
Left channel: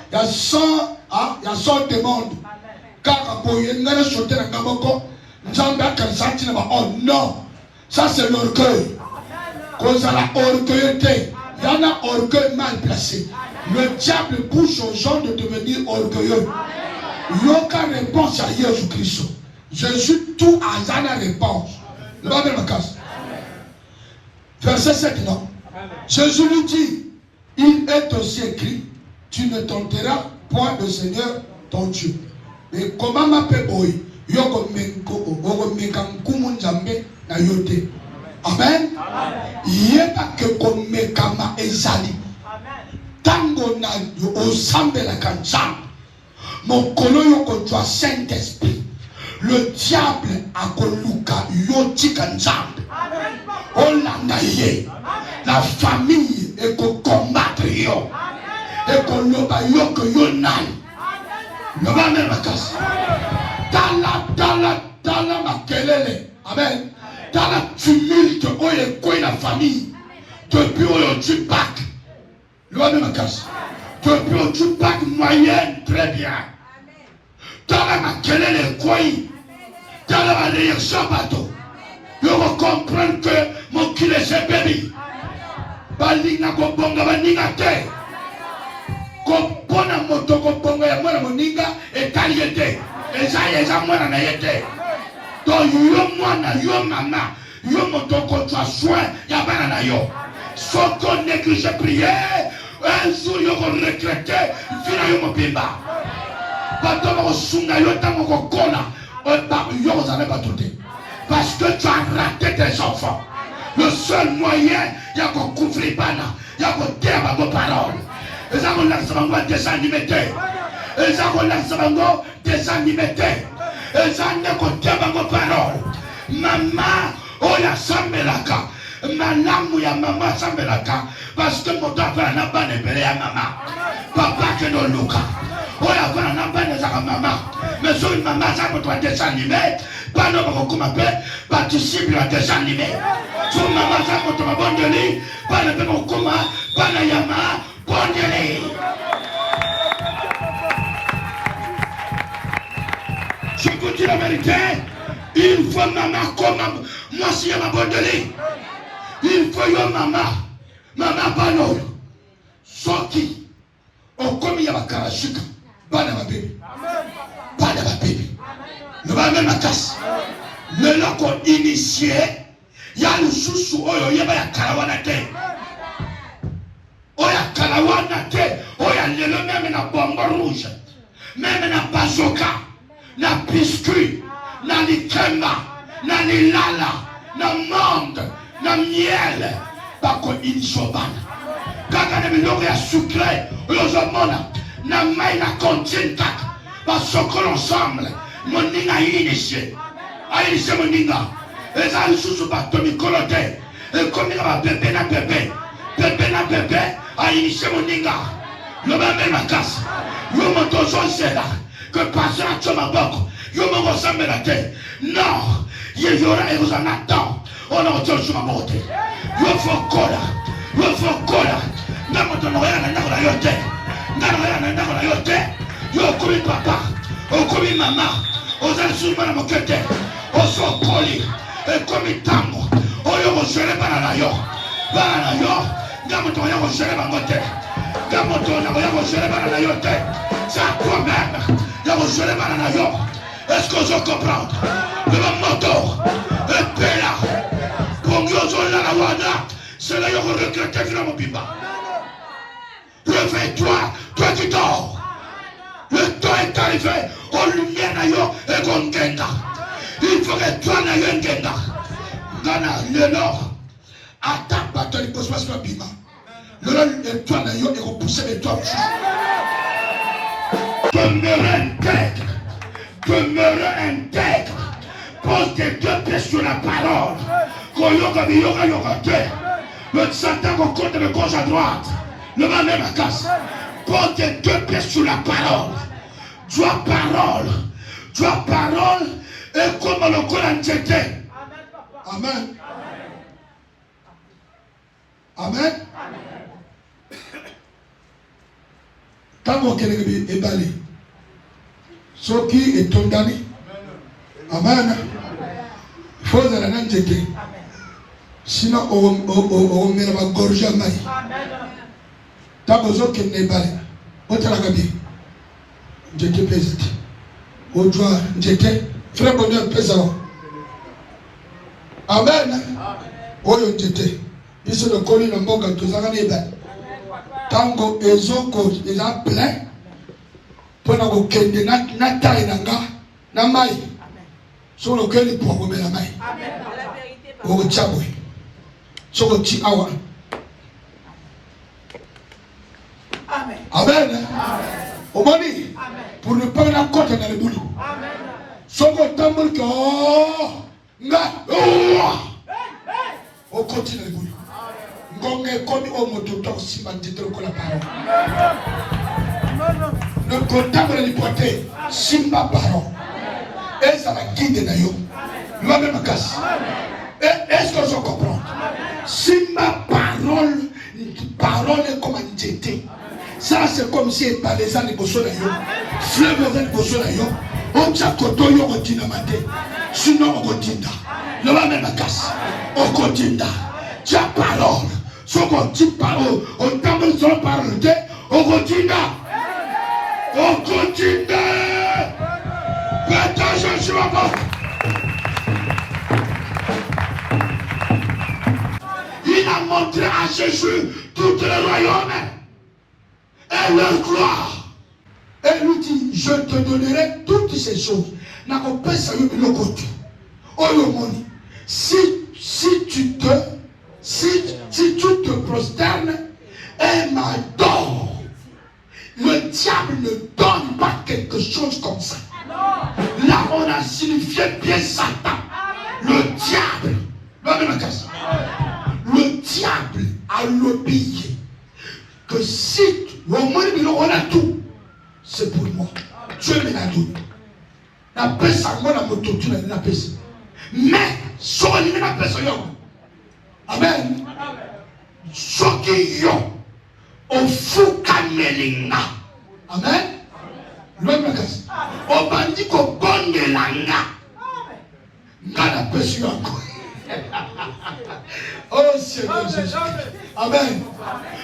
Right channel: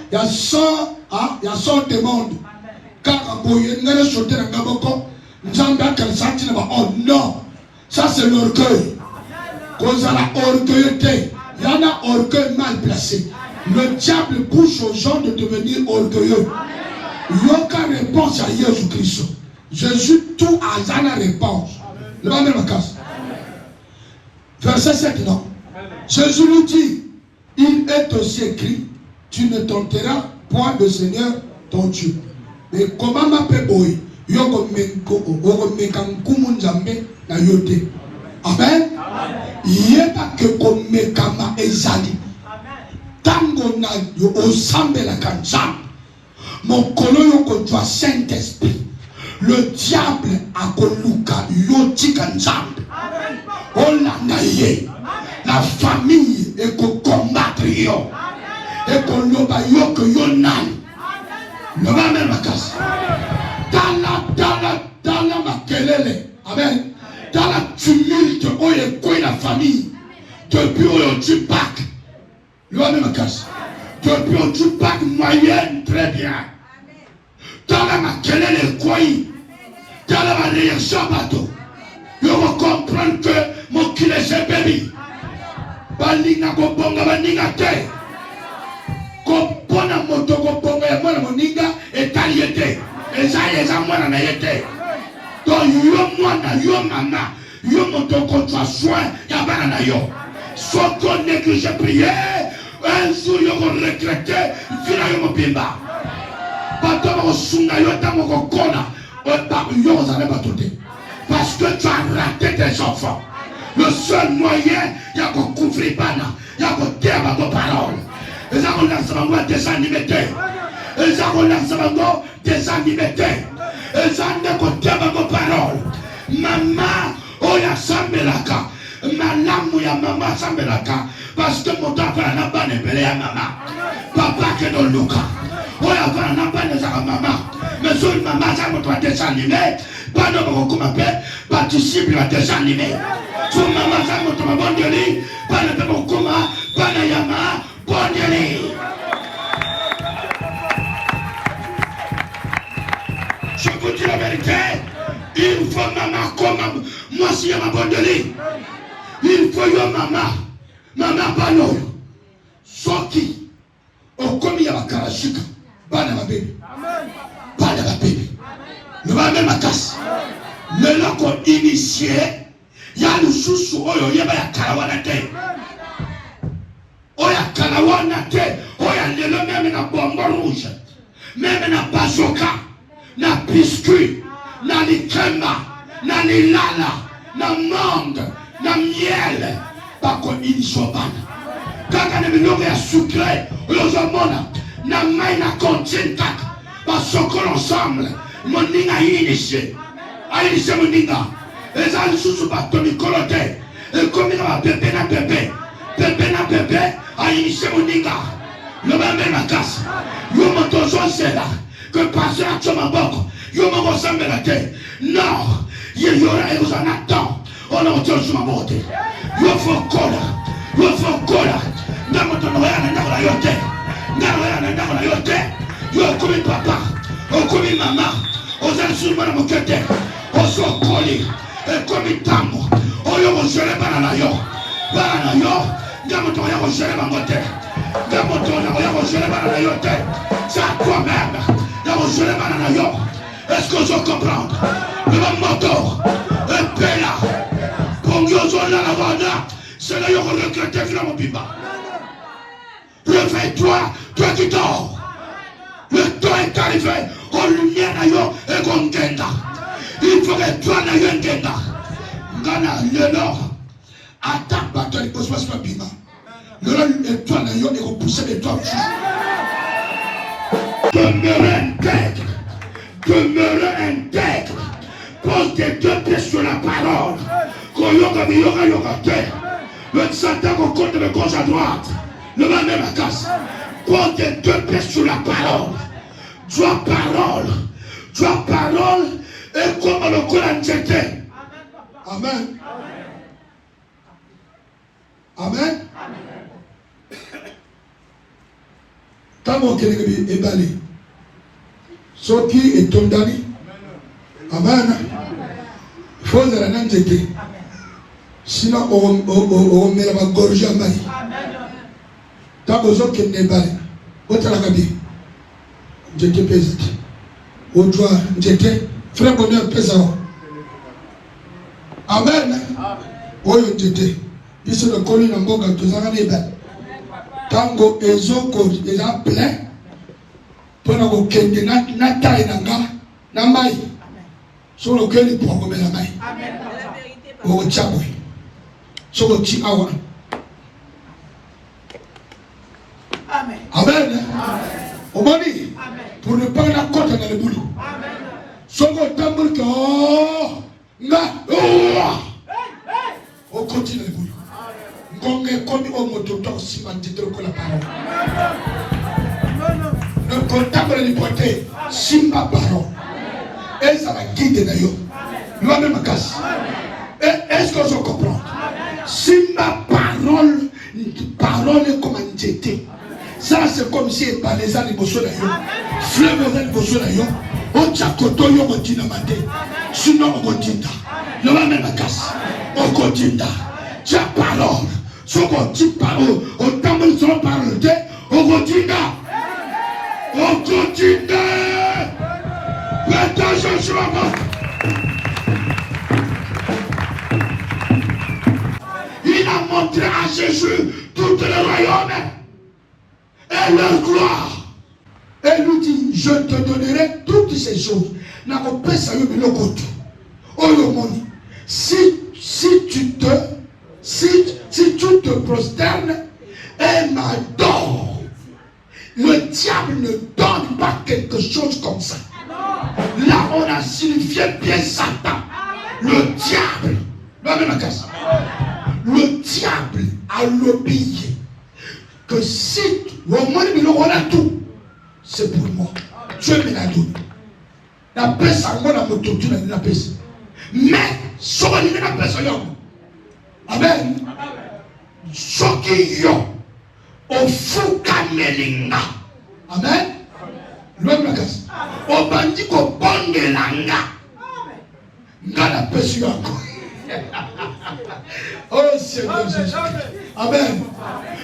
demandes. Car il n'a sauté dans Gaboko. Non. Ça c'est l'orgueil. Cause à la orgueilleté. Il y en a orgueil mal placé. Le diable pousse aux gens de devenir orgueilleux. Il n'y a aucune réponse à Jésus-Christ. Jésus, tout a la réponse. Le va mettre la casse. Verset 7, non. Jésus nous dit, il est aussi écrit, tu ne tenteras point le Seigneur ton Dieu. Mais comment m'appelle Boy? Amen. Il n'y a pas que comme Mekama Ezali. Tango na yo osambe la kanzam. Mon coloyo contre Saint-Esprit. Le diable a koluka yoti kanzam. On a naïe. La famille est pour combattre yo. Et pour loba yo que yo nan. Le va même à casse. Dans la makelele. Amen. Dans la tumulte où est quoi la famille. Depuis où tu bac. Le va même à casse. Depuis où tu bac moyenne très bien. Dans la makelele quoi. Dans la réaction bateau. Je comprends que mon kile c'est baby. Balinga kobonga baninga te. Kopona moto kobonga ya mwana moninga etaliete. Eza mwana na yete. Donc yo mwana yo mama yo moto contre soin ya bana na yo. Sans qu'on néglige prière, un jour yo regretter vina yo mopimba. Bato ba sunga yo tamo kokona. Yo zana batote. Parce que tu as raté tes enfants. Le seul moyen, il y a qu'on couvre bana, il y a qu'on terre vos paroles. Et ça qu'on a désanimé. Et ça qu'on a désanimé. Et ça qu'on terre vos paroles. Maman, oh ya sambelaka. Manamu ya maman sambelaka. Parce que mon papa n'a pas de à maman. Papa que de Luca. Oh ya n'a pas de maman. Mais sur une maman, ça me doit désanimé. Pas de recommandé, participe à des animés. Son maman, ça me doit abandonner. Pas de recommandé, pas de yama, abandonné. Je vous dis la vérité. Il faut maman comme moi si elle m'a abandonné. Il faut yo maman. Maman, pas non. Soki. Au comme il y a un karachika. Pas de ma bébé. Pas de ma bébé. Le va même à casse. Le nom qu'on initié, ya lususu oyo yeba ya kalawana te. Oya kalawana te. Oya lelo même na bombe rouge. Même na bazooka. Na biscuit. Na likema. Na lilala. Na mangue. Na miel. Bako injobana. Kaka na milongo ya sucré. Oyozomona. Na mai na kontinta. Basoko ensemble. Moninga initié. Initié moninga. Eza lisusu bato mikolo te. Ekomi na pepe na pepe. Pepe na pepe. Initié moninga. Le bambe makasi. Yo moto zonsela. Que passer à ton maboko. Yo mongo sambe la te. Non. Ye yora e vous en attend. On a autre chose à monter. Yo fokola. Yo fokola. Namoto na ya na la yote. Na la yote. Yo kumi papa. Okumi mama. Ozasuma na mokete. Osokoli. Ekomi tango. Oyo mojele bana na yo. Bana na yo. Namoto ya mojele bangote. Namoto ya mojele bana na yote. Ça toi-même. Ya mojele bana na yo. Est-ce que je comprends? Le moto. Et pela. Pongyo zola la wana. C'est là qu'on regrette que mon pipa. Réveille-toi, toi qui dors. Le temps est arrivé. On lumière na yo et qu'on genda. Il faut que toi na yo genda. Ngana le nord. Attends, bateau il pose pas sur pima. Le nord et toi na yo et qu'on pousse les toi. Demeure intègre. Demeure intègre. Pose tes deux pieds sur la parole. Koyoka de yoga yoga te. Le Satan qu'on compte de gauche à droite. Le mal même à casse. Pose tes deux pieds sur la parole. Toi parole. Toi parole. Et comme le Coran t'était. Amen. Amen. Quand mon kérébé est balé. Soki est tombé. Amen. Il faut que l'on ait sinon on met la gorge à maille. Tant que vous êtes balé. Autre la gabi. J'étais pesé. Au droit, j'étais frère qu'on a pesé. Amen. Oh, j'étais. Ici le colis de mon gars, tout ça va bien. Tant que les autres, ils ont plein. Pendant que les na taille na maille. Sur lequel il pourra remettre la maille. Au tchaboui. Sur le petit awa. Amen. Amen. Au mani. Pour ne pas la côte dans le boulot. Sur le tambour que on continue le boulot. Ngongé comme au moto dans si ma titre que la parole. Le comptable de l'hypothèse, Simba parole. Et ça va guider d'ailleurs. La même casse. Est-ce que je comprends? Simba parole est comme un jeté. Ça c'est comme si il parlait ça les bossons d'ailleurs. Flemme les bossons d'ailleurs. On t'a koto yo continue maté. Sinon on continue. La même casse. On continue. Ta parole. Son petit parole. On t'amène son parole. On continue. On continue. Attention sur la porte. Il a montré à Jésus tout le royaume et leur gloire. Et lui dit, je te donnerai toutes ces choses. Si tu te prosternes et m'adores, le diable ne donne pas quelque chose comme ça. Là, on a signifié bien Satan. Le diable. Le diable a l'obéi que si le monde a tout, c'est pour moi. Dieu me l'a donné. La paix, ça m'a donné la paix. Mais, si on a la paix, amen. Ce qui y a, au fou kamelinga. Amen. On bandit qu'on bande l'anga. N'a la paix sur encore. Oh Seigneur Jésus. Amen.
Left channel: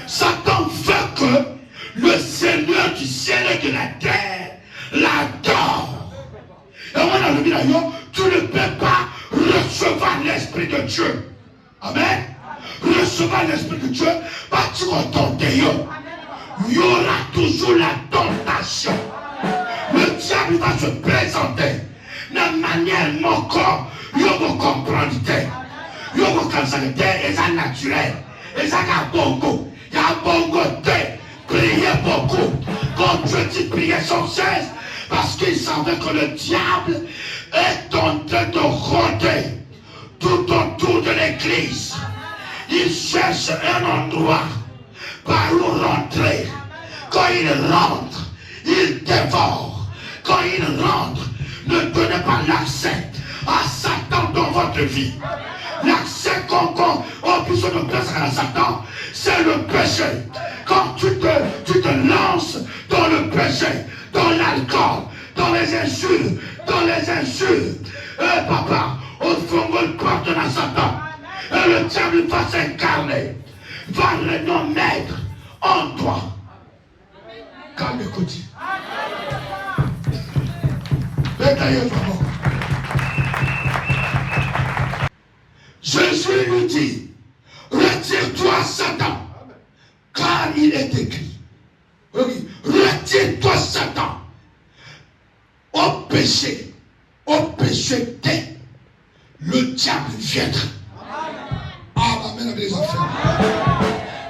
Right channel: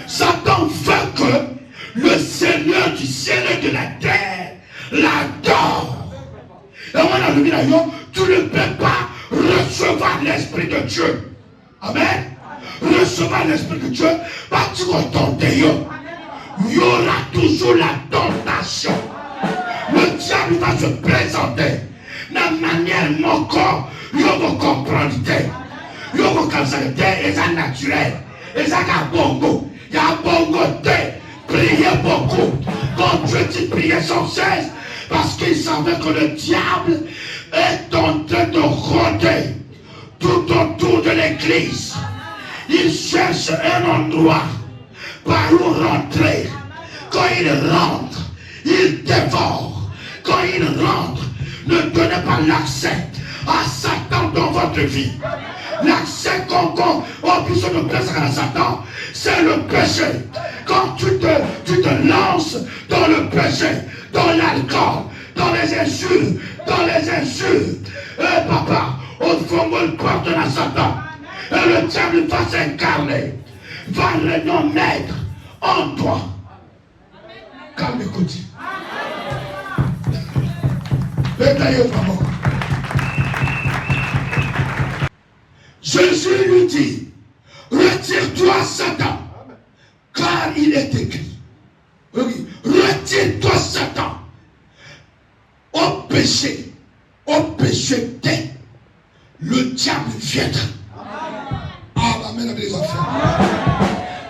Satan veut que le Seigneur du ciel et de la terre l'adore. Et on a vu d'ailleurs, tu ne peux pas recevoir l'Esprit de Dieu Amen. Recevoir l'Esprit de Dieu, pas tu contentes. Il y aura toujours la tentation. Le diable va se présenter de manière mon corps, il va comprendre. Il va comprendre et ça naturel. Et ça a bongo. Il y a bongo de prier beaucoup. Quand Dieu dit prier sans cesse, parce qu'il savait que le diable est en train de rôder tout autour de l'église. Il cherche un endroit par où rentrer. Quand il rentre, il dévore. Quand il rentre, ne donnez pas l'accès à Satan dans votre vie. L'accès qu'on puisse nous placer à Satan, c'est le péché. Quand tu te lances dans le péché, dans l'alcool, dans les insultes, papa, au fond, on pardonne à Satan. Et le diable va s'incarner, va le nommer en toi. Calme-toi. Jésus lui dit, retire-toi Satan, car il est écrit. Retire-toi Satan. Au péché t'es, le diable viendra. Ah, ma mère des enfants.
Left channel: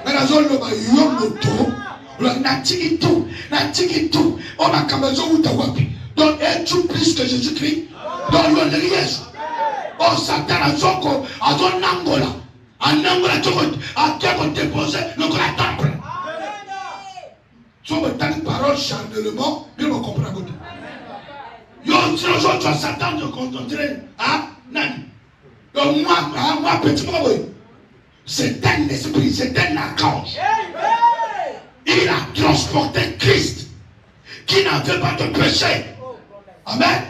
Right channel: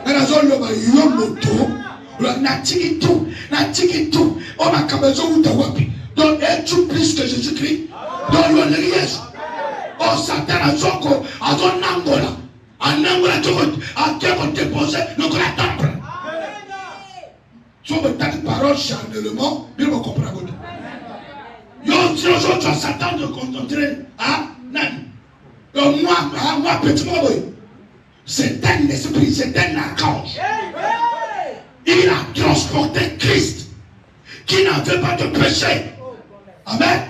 Mais la zone là-bas, il y a un moto, le natikitou, on a kamazo ou tawapi. Donc, es-tu plus que Jésus-Christ? Dans le riège. Oh, Satan a zoko, a ton Angola. En Angola, tu as déposé notre temple. Si on me donne parole chandelement, je me comprends. Yo, si aujourd'hui, tu as Satan de contempler, hein, nan. Donc, moi, petit boy, c'est un esprit, c'est un archange. Il a transporté Christ, qui n'avait pas de péché. Amen.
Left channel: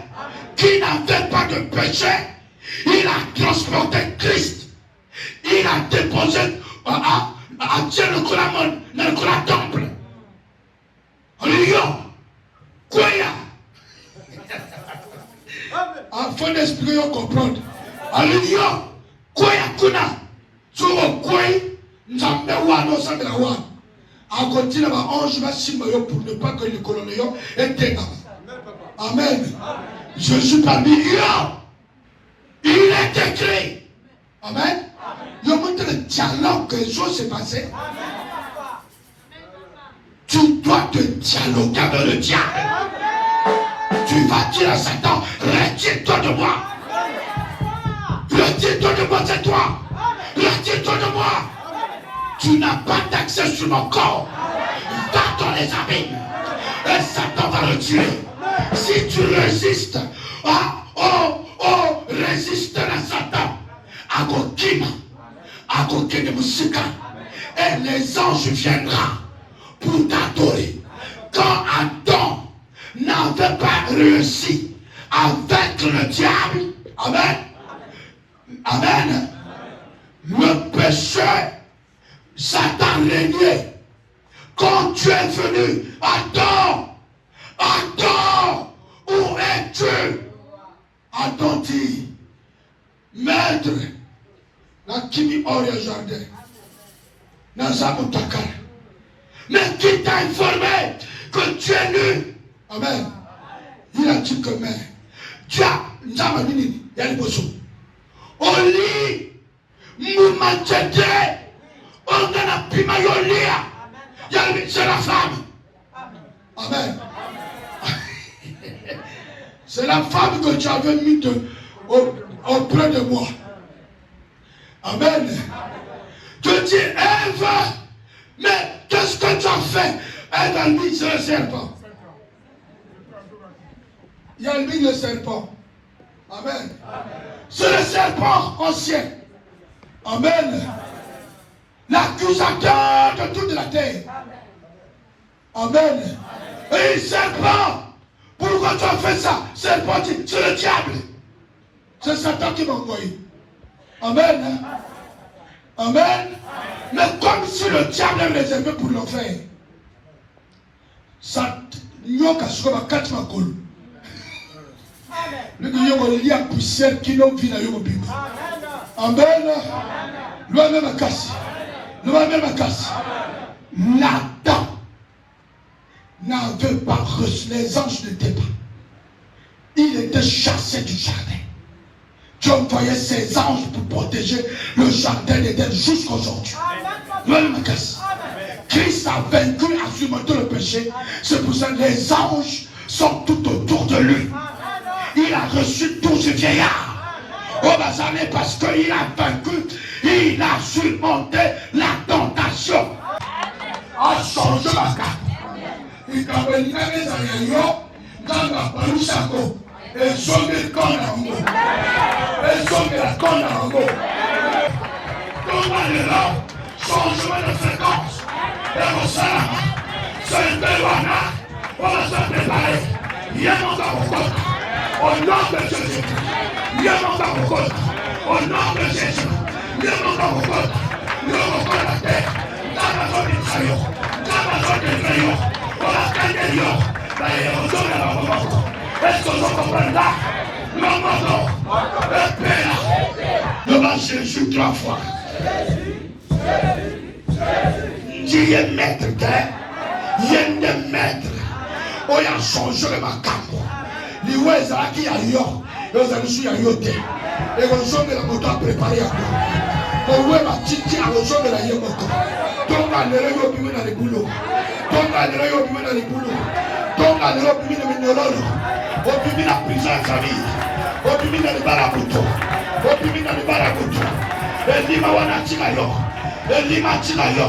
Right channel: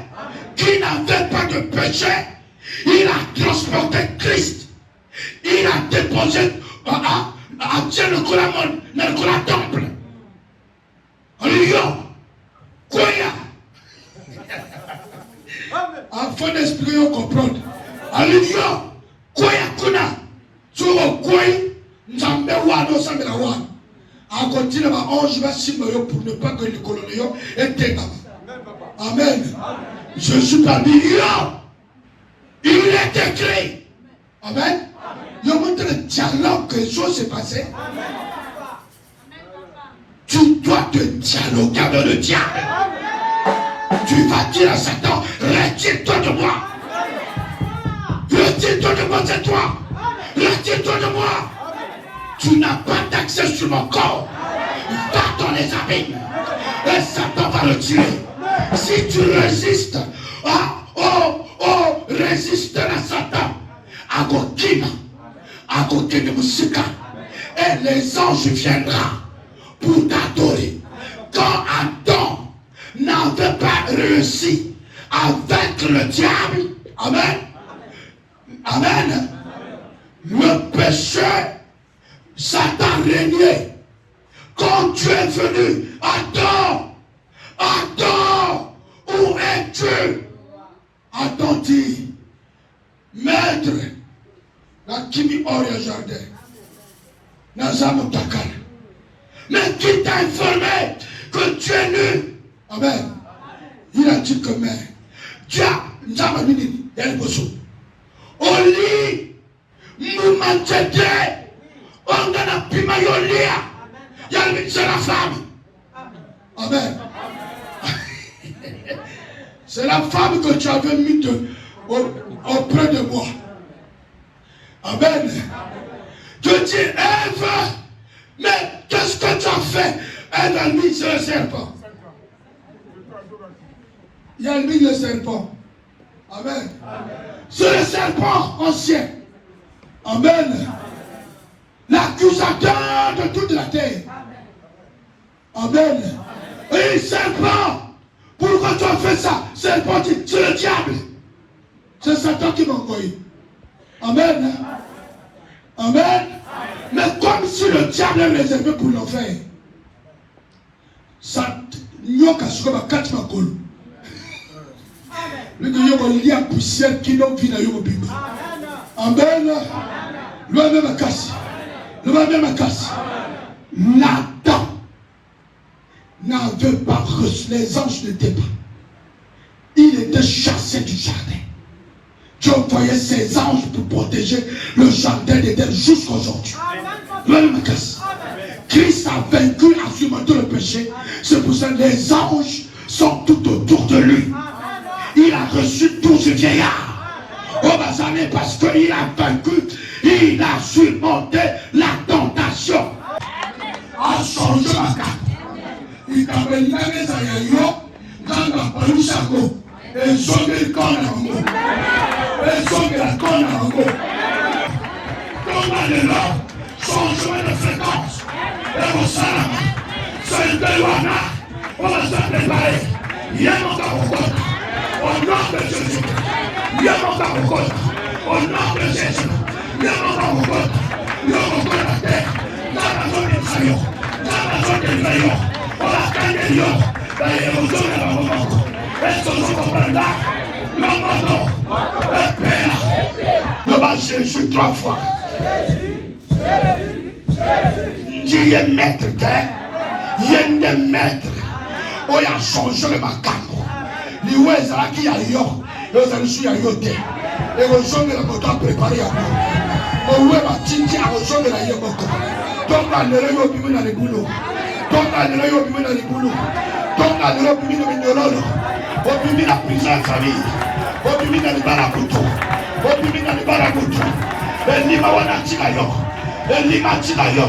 Qui n'avait pas de péché, il a transporté Christ. Il a déposé à Dieu le temple. Alléluia. Quoi? Enfant d'esprit, on comprend. Alléluia. Quoi? Kuna. Tu vois quoi? Nous avons besoin à continuer à 11 versets pour ne pas que les coloniaux aient débat. Amen. Je suis parmi eux. Il est écrit. Amen. Je montre le dialogue que les choses se passaient. Tu dois te dialoguer avec le diable. Tu vas dire à Satan, retire-toi de moi. Retire-toi de moi, c'est toi. Retire-toi de moi. Tu n'as pas d'accès sur mon corps. Va dans les abîmes. Et Satan va le tuer. Si tu résistes, résiste à Satan. À côté de Moussika. Et les anges viendront pour t'adorer. Quand Adam n'avait pas réussi avec le diable, amen, amen, le péché, Satan régnait. Quand tu es venu, Adam, où es-tu? Adam dit, maître, la kimi hors le jardin, Nazam Takar. Mais qui t'a informé que tu es nu? Amen. Il a dit que mais, Dieu, nous avons dit, il y a le bosso. On lit, nous manchete, on a pima yolia, il y a le c'est la femme. Amen. C'est la femme que tu avais mis auprès de moi. Amen. Tu dis, Ève, mais qu'est-ce que tu as fait? Elle a mis le serpent. Il a mis le serpent. Amen. C'est le serpent ancien. Amen. L'accusateur de toute la terre. Amen. Et serpent, pourquoi tu as fait ça? Serpent, c'est le diable. C'est Satan qui m'a envoyé. Amen. Amen. Mais comme si le diable est réservé pour l'enfer, ça n'y a qu'à ce qu'on va quatre ma colle. Le Dieu il y a poussière qui n'a vu dans le Bible. Amen. Lui-même casse. Lui-même casse. Nathan n'avait pas reçu. Les anges n'étaient pas. Il était chassé du jardin. Dieu envoyait ses anges pour protéger le jardin d'Éden jusqu'aujourd'hui. Lui-même casse. Christ a vaincu à surmonter le péché. C'est pour ça que les anges sont tout autour de lui. Il a reçu 12 vieillards. On va savoir parce qu'il a vaincu, il a surmonté la tentation. En changeant la carte. Il a vaincu les aïeux, dans la police à go. Et sauvé le corps à go. Et sauvé la corne à go. Comment il est là? Changement de fréquence. Et on s'arrête. C'est une belle wana. On va se préparer. Il y a mon caractère. Au nom de Jésus. Il y a mon caractère. Au nom de Jésus. Il y a mon caractère. Il y a mon caractère. Dans la zone de Sayon. Dans la zone de Sayon. On va gagner Lyon. Dans les émotions de la maman. Est-ce que vous comprenez là? Le maman. Le Père. Le bas Jésus 3 fois. Dieu est maître, il est maître. On a changé le macabre. Les ouest qui a eu, les suis à yoté. Et on joue de la moto préparé à nous. On voit ma tinti à on joue de la yomoto. Donc, à l'heure, on peut dans les boulots. Donc, à l'heure, on peut dans les boulots. Donc, à l'heure, on peut dans les boulots. On peut dans la prison à famille. On peut dans le barakuto. On peut dans le barakuto. Et l'ima wana tikayo. Et l'ima tikayo.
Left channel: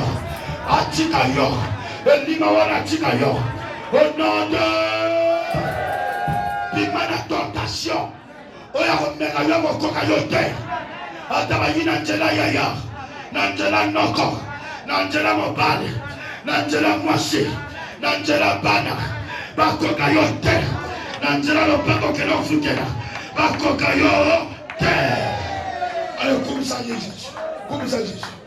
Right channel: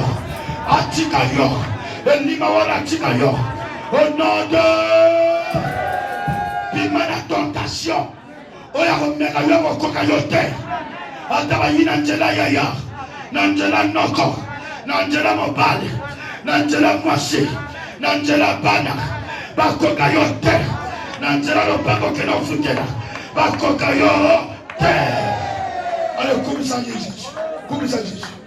Atikayo. Et l'ima wana tikayo. Au nom de Bimana tentation. Oya komeka yo mokoka yo te. Atabayi na njela yaya. Na njela noko. Na njela mobali. Na njela mwasi. Na njela bana. Bakoka yo te. Na njela lopako ke no futela. Bakoka yo te. Allez, comme ça Jésus. Comme ça Jésus.